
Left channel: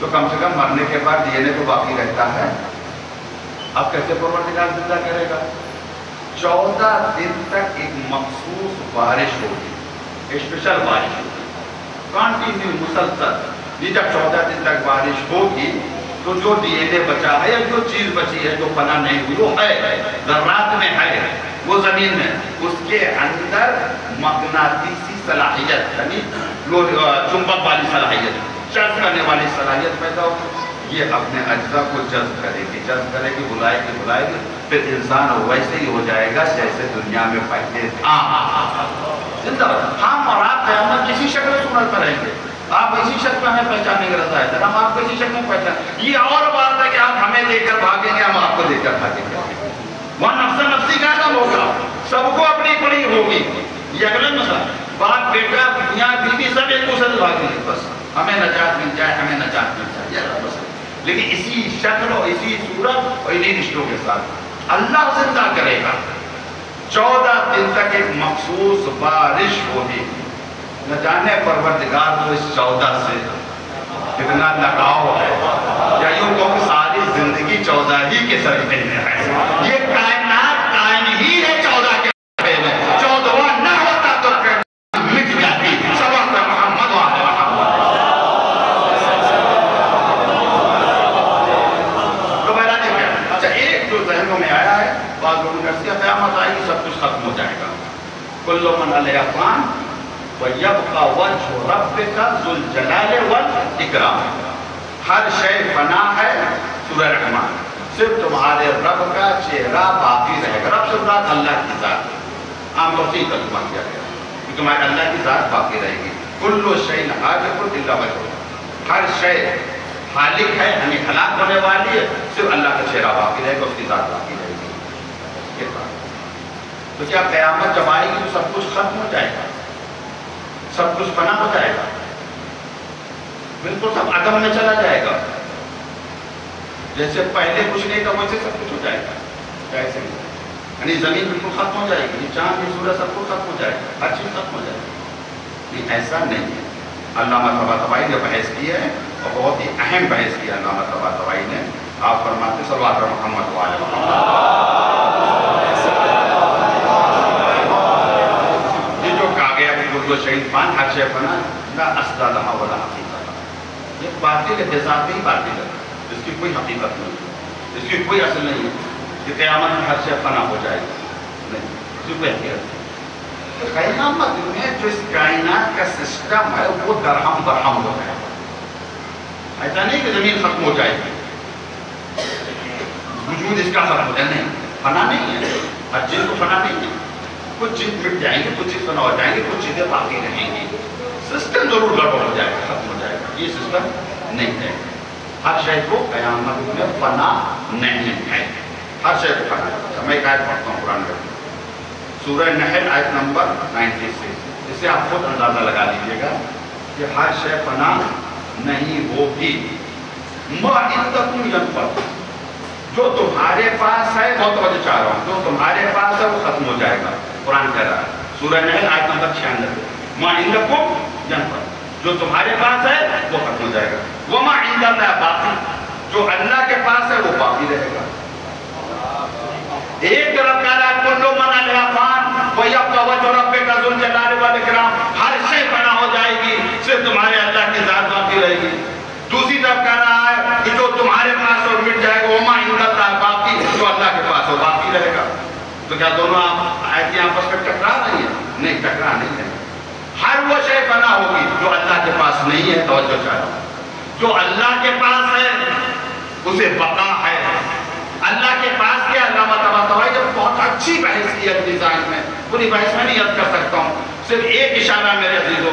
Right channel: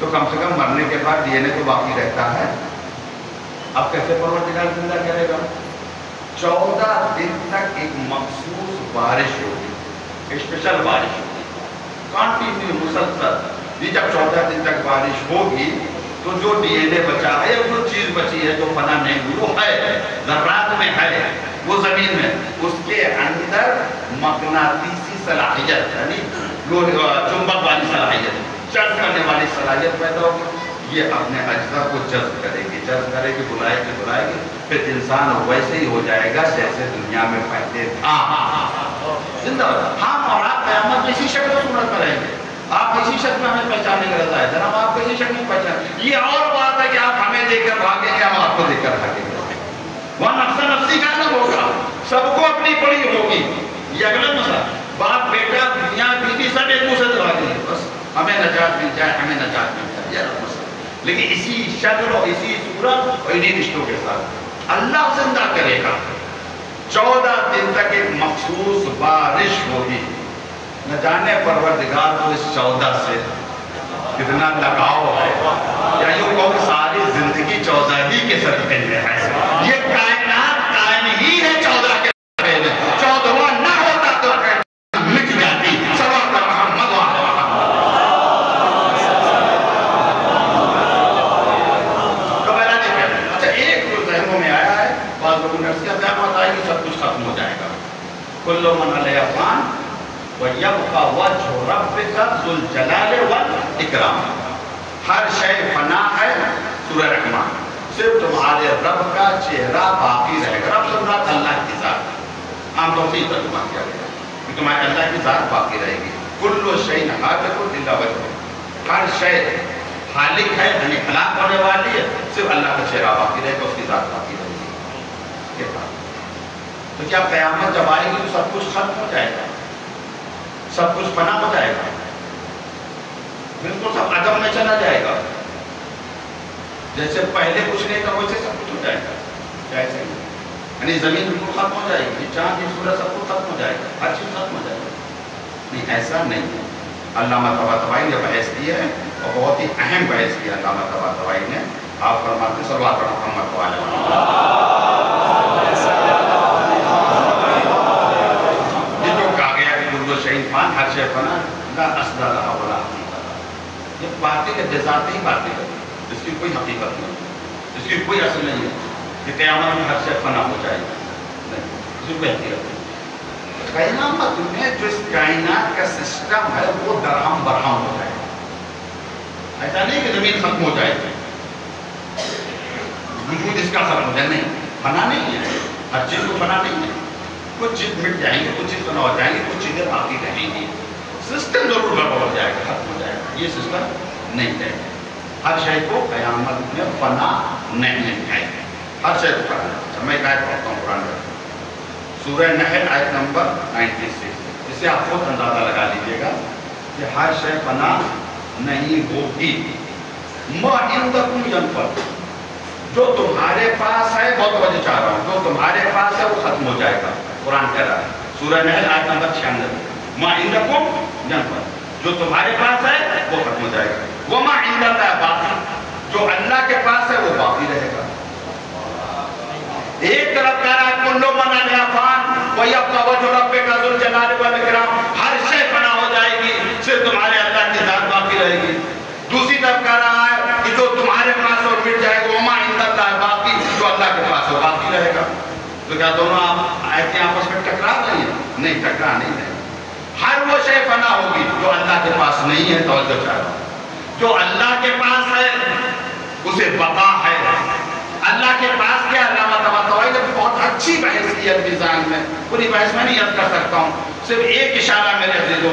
تو کم سے کم مرنے کے بعد ڈی این اے تو باقی رہتا ہے۔ اب کیسے پروردگار زندہ کرے گا؟ 14 دن تک ایک مخصوص بارش ہوگی، اسپیشل بارش ہوگی، کنٹینیو مسلسل۔ یہ جب 14 دن تک بارش ہوگی تو جو ڈی این اے بچا ہے، جو چیز بچی ہے، جو فنا نہیں ہوئی، وہ ہے، ذرات میں ہے، وہ زمین میں، اس کے اندر مغناطیسی صلاحیت یعنی چنبک والی صلاحیت، جذب کرنے والی صلاحیت پیدا ہوگی۔ یہ اپنے اجزاء کو جذب کرے گی، بلائے گی، پھر انسان ویسے ہی ہو جائے گا جیسے دنیا میں پہلے تھا، زندہ ہوگا۔ ہم اور آپ قیامت اسی شکل و صورت پر رہیں گے، آپ اسی شکل میں ہمیں پہچاننے کے رہتا ہے، ہم آپ کو اسی شکل میں پہچان۔ یہ اور بات ہے کہ آپ ہمیں دے کر بھاگیں گے، ہم آپ کو دے کر بھاگیں گے۔ وہاں نفس نفسی کا عالم ہوگا، سب کو اپنی پڑی ہوگی۔ یہ اگلا مسئلہ، باپ بیٹا میاں بیوی سب ایک دوسرے سے بھاگیں گے، بس ہمیں نجات مل جائے، ہمیں نجات مل جائے، یہ مسئلہ۔ لیکن اسی شکل اور اسی صورت اور انہی رشتوں کے ساتھ اللہ زندہ کرے گا۔ 14 دن تک ایک مخصوص بارش ہوگی۔ نہ جانے پروردگار کو اس 14 سے کتنا لگاؤ ہے، یا یوں کہو کہ ساری زندگی 14 ہی کے صدقے میں ہے۔ یہ کائنات قائم ہی ہے 14 کے صدقے میں، 14واں نہ ہوتا تو مٹ جاتی۔ صلوات محمد و آل محمد۔ تو میرا اچھا ایک جو ذہنوں میں آیا ہے، بعض لوگوں نے کہا قیامت آئے گی سب کچھ ختم ہو جائے گا، کل من علیہا فان وَيَبْقَى وَجْهُ رَبِّكَ ذُو الْجَلَالِ وَالْإِكْرَامِ۔ ہر شے فنا ہے، سورہ رحمان، صرف تمہارے رب کا چہرہ باقی رہے گا۔ رب سے مراد اللہ کی ذات، عام طور سے ہی ترجمہ کیا گیا کہ تمہارے اللہ کی ذات باقی رہے گی۔ کل شیء ہالک الا وجہہ، ہر شے ہالک ہے یعنی ہلاک ہونے والی ہے، صرف اللہ کا چہرہ باقی رہے گا، اس کی ذات باقی رہے گی۔ یہ بات تو کیا قیامت جب آئے گی تو سب کچھ ختم ہو جائے گا، سب کچھ فنا ہو جائے گا، بالکل سب عدم میں چلا جائے گا، جیسے پہلے کچھ نہیں تھا ویسے سب کچھ ہو جائے گا؟ ایسے ہی یعنی زمین بالکل ختم ہو جائے گی، چاند یہ سورج سب کچھ ختم ہو جائے گا، ہر چیز ختم ہو جائے گی۔ یہ ایسا نہیں ہے۔ علامہ طباطبائی نے بحث کی ہے اور بہت ہی اہم بحث کی علامہ طباطبائی نے۔ آپ فرماتے صلوات محمد و آل محمد۔ جو شہید فان ہر شے فنا لا اصل لہا ولا حقیقت، یہ باطل ہے، بذات ہی باطل ہے، اس کی کوئی حقیقت نہیں ہے، اس کی کوئی اصل نہیں ہے کہ قیامت میں ہر شے فنا ہو جائے گا، نہیں، اس کی کوئی حقیقت نہیں۔ قیامت میں جو اس کائنات کا سسٹم ہے وہ درہم برہم ہو جائے گا۔ ایسا نہیں کہ زمین ختم ہو جائے گی، وجود اس کا ختم ہو جائے، نہیں، فنا نہیں ہے، ہر چیز کو فنا نہیں ہے، کچھ چیز مٹ جائیں گے، کچھ چیز فنا ہو جائیں گے، کچھ چیزیں باقی رہیں گی، سسٹم ضرور گڑبڑ ہو جائے گا، ختم ہو جائے گا، یہ سسٹم نہیں ہے۔ ہر شے کو قیامت میں فنا نہیں ہے، ہر شے کو فنا ہے۔ میں ایک آیت پڑھتا ہوں قرآن میں، سورہ نحل آیت نمبر 96، اس سے آپ خود اندازہ لگا لیجیے گا کہ ہر شے فنا نہیں ہوگی۔ ما عندکم ینفد، جو تمہارے پاس ہے، بہت توجہ چاہ رہا ہوں، جو تمہارے پاس ہے وہ ختم ہو جائے گا۔ قرآن کہہ رہا ہے سورہ نحل آیت نمبر 96، ما عندکم ینفد، جو تمہارے پاس ہے وہ ختم ہو جائے گا، وما عند اللہ باقی، جو اللہ کے پاس ہے وہ باقی رہے گا۔ ایک طرف کہہ رہا ہے کل من علیہا فان ویبقی وجہ ربک ذو الجلال والاکرام، ہر شے فنا ہو جائے گی، صرف تمہارے اللہ کی ذات باقی رہے گی۔ دوسری طرف کہہ رہا ہے کہ جو تمہارے پاس اور مٹ جائے گا، وما عند اللہ باقی، جو اللہ کے پاس ہو باقی رہے گا۔ تو کیا دونوں آیتیں آپس میں ٹکرا رہی ہیں؟ نہیں، ٹکرا نہیں رہی۔ ہر وہ شے فنا ہوگی جو اللہ کے پاس نہیں ہے، توجہ چاہتا ہوں، جو اللہ کے پاس ہے اسے بقا ہے۔ اللہ کے پاس کیا؟ علامہ طباطبائی نے بہت اچھی بحث کی ہے ڈیزائن میں، پوری بحث میں نہیں یاد کر سکتا ہوں، صرف ایک اشارہ میرے عزیزوں۔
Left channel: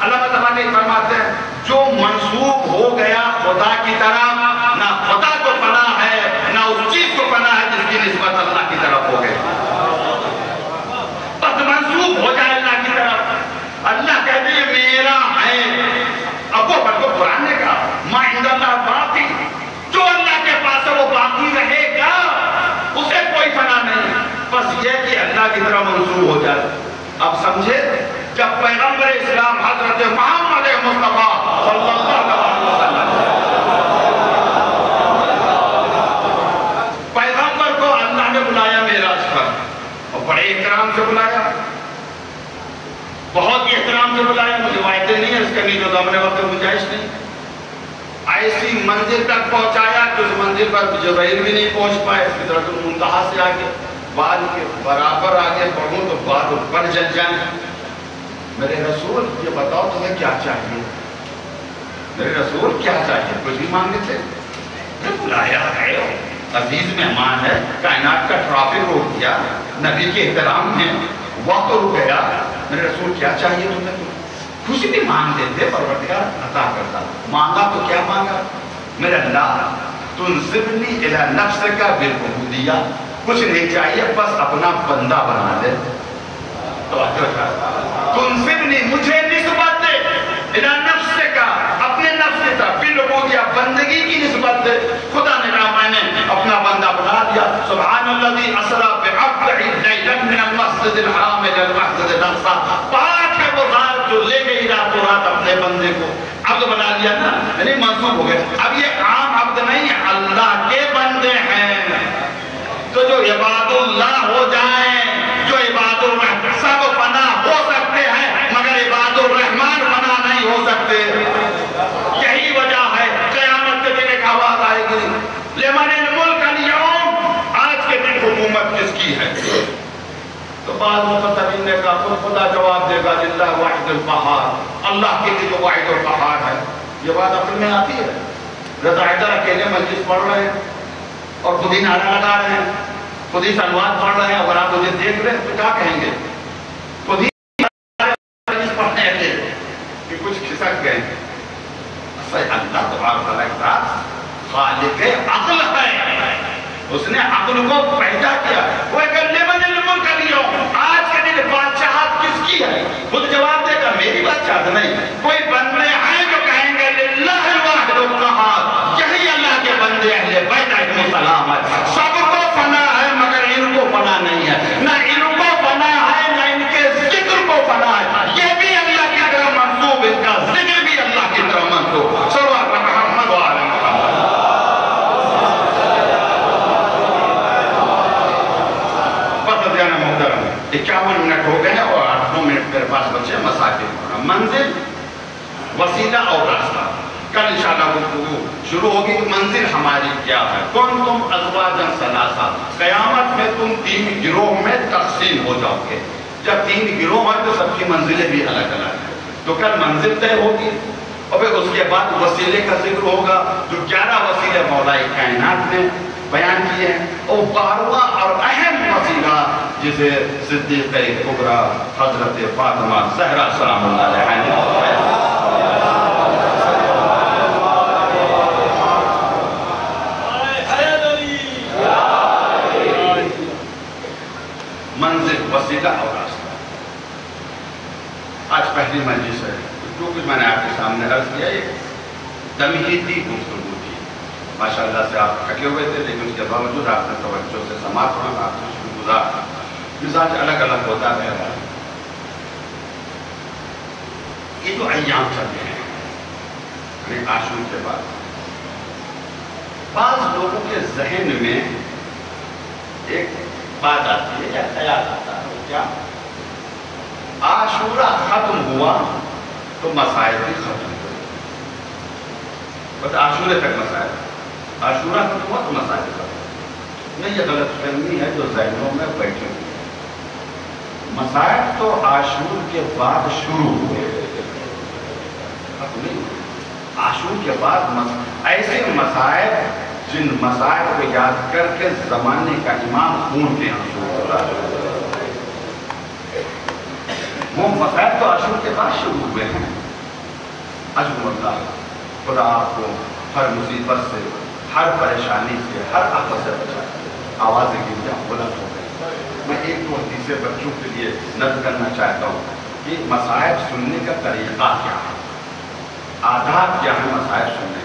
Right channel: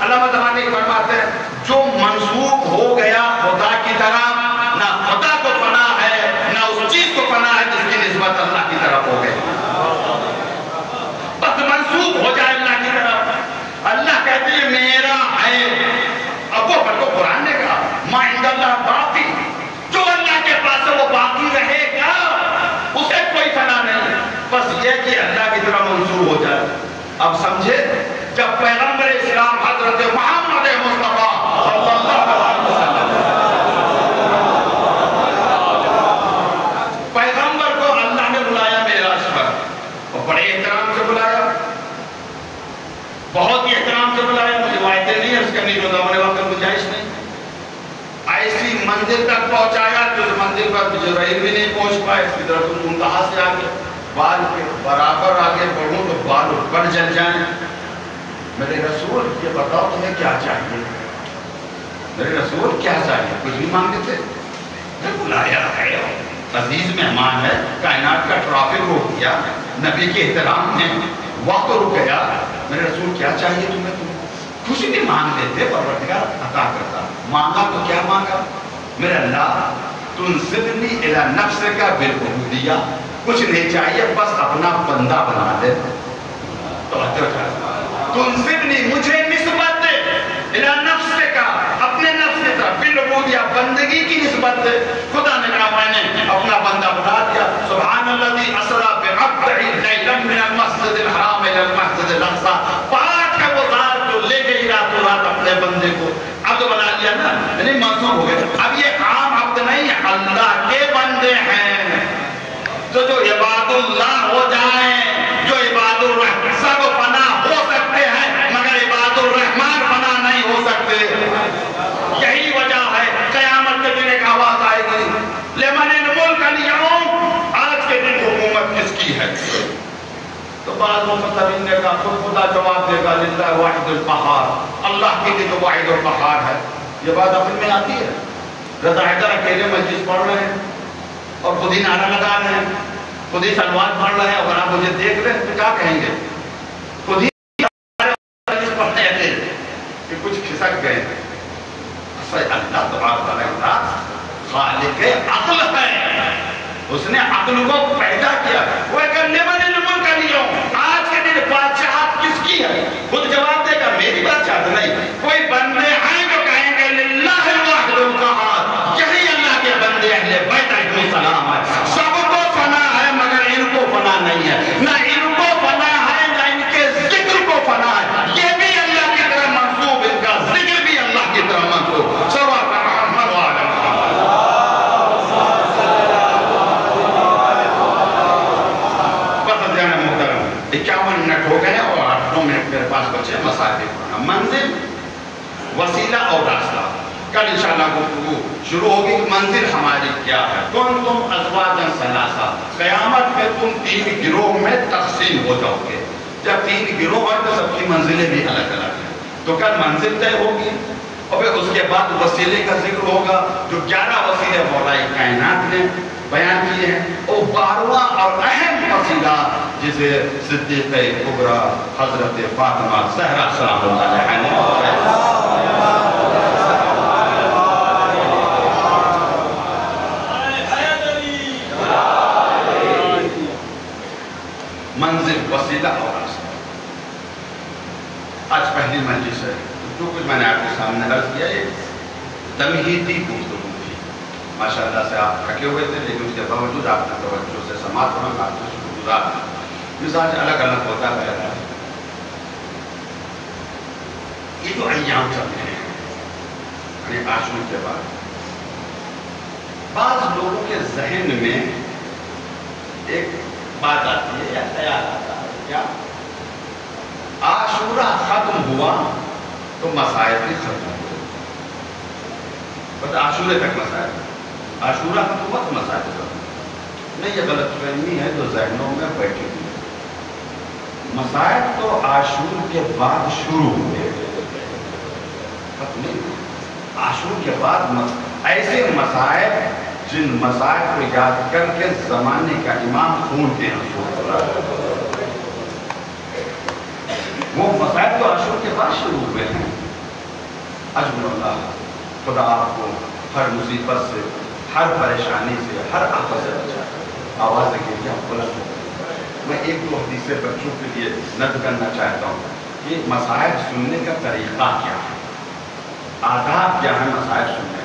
علامہ طباطبائی فرماتے ہیں جو منسوب ہو گیا خدا کی طرف، نہ خدا کو فنا ہے نہ اس چیز کو فنا ہے جس کی نسبت اللہ کی طرف ہو گئی، بس منسوب ہو جائے اللہ کی طرف۔ اللہ کہتے ہیں میرا ہے، اب وہ پر کو قرآن عنداللہ باقی، جو اللہ کے پاس ہے وہ باقی رہے گا، اسے کوئی فنا نہیں، بس یہ کہ اللہ کی طرح منسوب ہو جائے۔ اب سمجھے جب پیغمبر اسلام حضرت محمد مصطفیٰ صلی اللہ علیہ وسلم پیغمبر کو اللہ نے بلایا معراج پر، اور بڑے احترام سے بلایا، بہت ہی احترام سے بلایا، مجھے روایتیں نہیں ہے اس کے نہیں، تو ہمارے وقت گنجائش نہیں، ایسی منزل تک پہنچایا کہ اس منزل پر جبرائیل بھی نہیں پہنچ پائے، سدرۃ المنتہا سے آگے بال کے برابر آگے بڑھوں تو بال اوپر جل جائیں۔ میرے رسول یہ بتاؤ تمہیں کیا چاہیے؟ میرے رسول کیا چاہیے؟ کچھ بھی مانگے تھے؟ بلایا ہے، عزیز مہمان ہے، کائنات کا ٹرافک روک دیا، نبی کے احترام میں وقت رک گیا، میرے رسول کیا چاہیے تمہیں؟ کچھ بھی مانگ دیتے، پروردگار عطا کرتا۔ مانگا تو کیا مانگا؟ میرے اللہ تنصبنی الی نفسک بالعبودیہ، کچھ نہیں چاہیے بس اپنا بندہ بنا دے۔ تنصبنی، مجھے نسبت دے، الی نفسک، اپنے نفس کی طرف، بالعبودیہ، بندگی کی نسبت دے۔ خدا نے کہا میں نے اپنا بندہ بنا دیا۔ سبحان الذی اسری بعبدہ لیلا من المسجد الحرام الی المسجد الاقصی، پاک ہے وہ ذات جو لے گئی راتوں رات اپنے بندے کو، عبد بنا لیا نا، یعنی منصوب ہو گئے۔ اب یہ عام عبد نہیں ہے، اللہ کے بندے ہیں، تو جو عباد اللہ ہو جائیں، جو عباد الرحمن، سب فنا ہو سکتے ہیں مگر عباد الرحمن فنا نہیں ہو سکتے۔ یہی وجہ ہے قیامت کے دن ایک آواز آئے گی، لمن الملک اليوم، آج کے دن حکومت کس کی ہے؟ تو بعض مفسرین نے کہا خدا جواب دے گا للہ واحد القہار، اللہ کے لیے جو واحد القہار ہے۔ یہ بات اپنے میں آتی ہے؟ رضا حیدر اکیلے مجلس پڑھ رہے ہیں اور خود ہی نعرہ لگا رہے ہیں، خود ہی سلوات پڑھ رہے ہیں، اگر آپ مجھے دیکھ رہے ہیں تو کیا کہیں گے؟ خود ہی مجلس پڑھنے تھے کہ کچھ کھسک گئے۔ اللہ تبارک خالق عقل ہے، اس نے عقل کو پیدا کیا۔ وہ کہ لمن الملک اليوم، آج کے دن بادشاہت کس کی ہے؟ خود جواب دے گا میری بادشاہت نہیں، کوئی بندے ہیں جو کہیں گے للہ الواحد القہار، یہی اللہ کے بندے اہل بیت علیہ السلام ہے۔ سب کو فنا ہے مگر ان کو فنا نہیں ہے، نہ ان کو فنا ہے نہ ان کے ذکر کو فنا ہے، یہ بھی اللہ کی طرح منصوب، ان کا ذکر بھی اللہ کی طرح منصوب۔ سوا کا محمد وعلا محترم 51 منٹ ہو گئے اور 8 منٹ میرے پاس بچے مسائل پڑھنا۔ منزل، وسیلہ اور راستہ، کل انشاءاللہ گفتگو شروع ہوگی۔ منزل ہماری کیا ہے؟ کنتم ازواجا ثلاثہ، قیامت میں تم 3 گروہ میں تقسیم ہو جاؤ گے۔ جب 3 گروہ ہیں تو سب کی منزلیں بھی الگ الگ ہیں، تو کل منزل طے ہوگی اور پھر اس کے بعد وسیلے کا ذکر ہوگا، جو 11 وسیلے مولا کائنات نے بیان کیے ہیں، اور 12واں اور اہم وسیلہ جسے صدیقہ کبریٰ حضرت فاطمہ زہرا سلام اللہ علیہ منزل، وسیلہ اور راستہ۔ آج پہلی مجلس ہے، جو کچھ میں نے آپ کے سامنے عرض کیا یہ تمہیدی گفتگو تھی۔ ماشاءاللہ سے آپ تھکے ہوئے تھے لیکن اس کے باوجود آپ نے توجہ سے سماعت کرنا، آپ نے شکر گزار تھا۔ مزاج الگ الگ ہوتا ہے۔ یہ جو ایام چل رہے ہیں عاشور کے بعد، بعض لوگوں کے ذہن میں ایک بات آتی ہے یا خیال آتا ہے، کیا عاشورہ ختم ہوا تو مسائل بھی ختم ہوا، بس عاشورے تک مسائل، عاشورہ ختم ہوا تو مسائل ختم۔ نہیں، یہ غلط فہمی ہے جو ذہنوں میں بیٹھی ہوئی ہے۔ مسائل تو عاشور کے بعد شروع ہوئے، عاشور کے بعد ایسے مسائل جن مسائل کو یاد کر کے زمانے کا امام خون کے آنسو ہوتا ہے، وہ مسائل تو عاشور کے بعد شروع ہوئے ہیں۔ اجر اللہ، خدا آپ کو ہر مصیبت سے، ہر پریشانی سے، ہر آفت سے بچائے۔ آوازیں کی کیا بلند ہو گئی۔ میں 1-2 حدیثیں بچوں کے لیے نقل کرنا چاہتا ہوں کہ مسائل سننے کا طریقہ کیا ہے، آداب کیا ہے مسائل سننے۔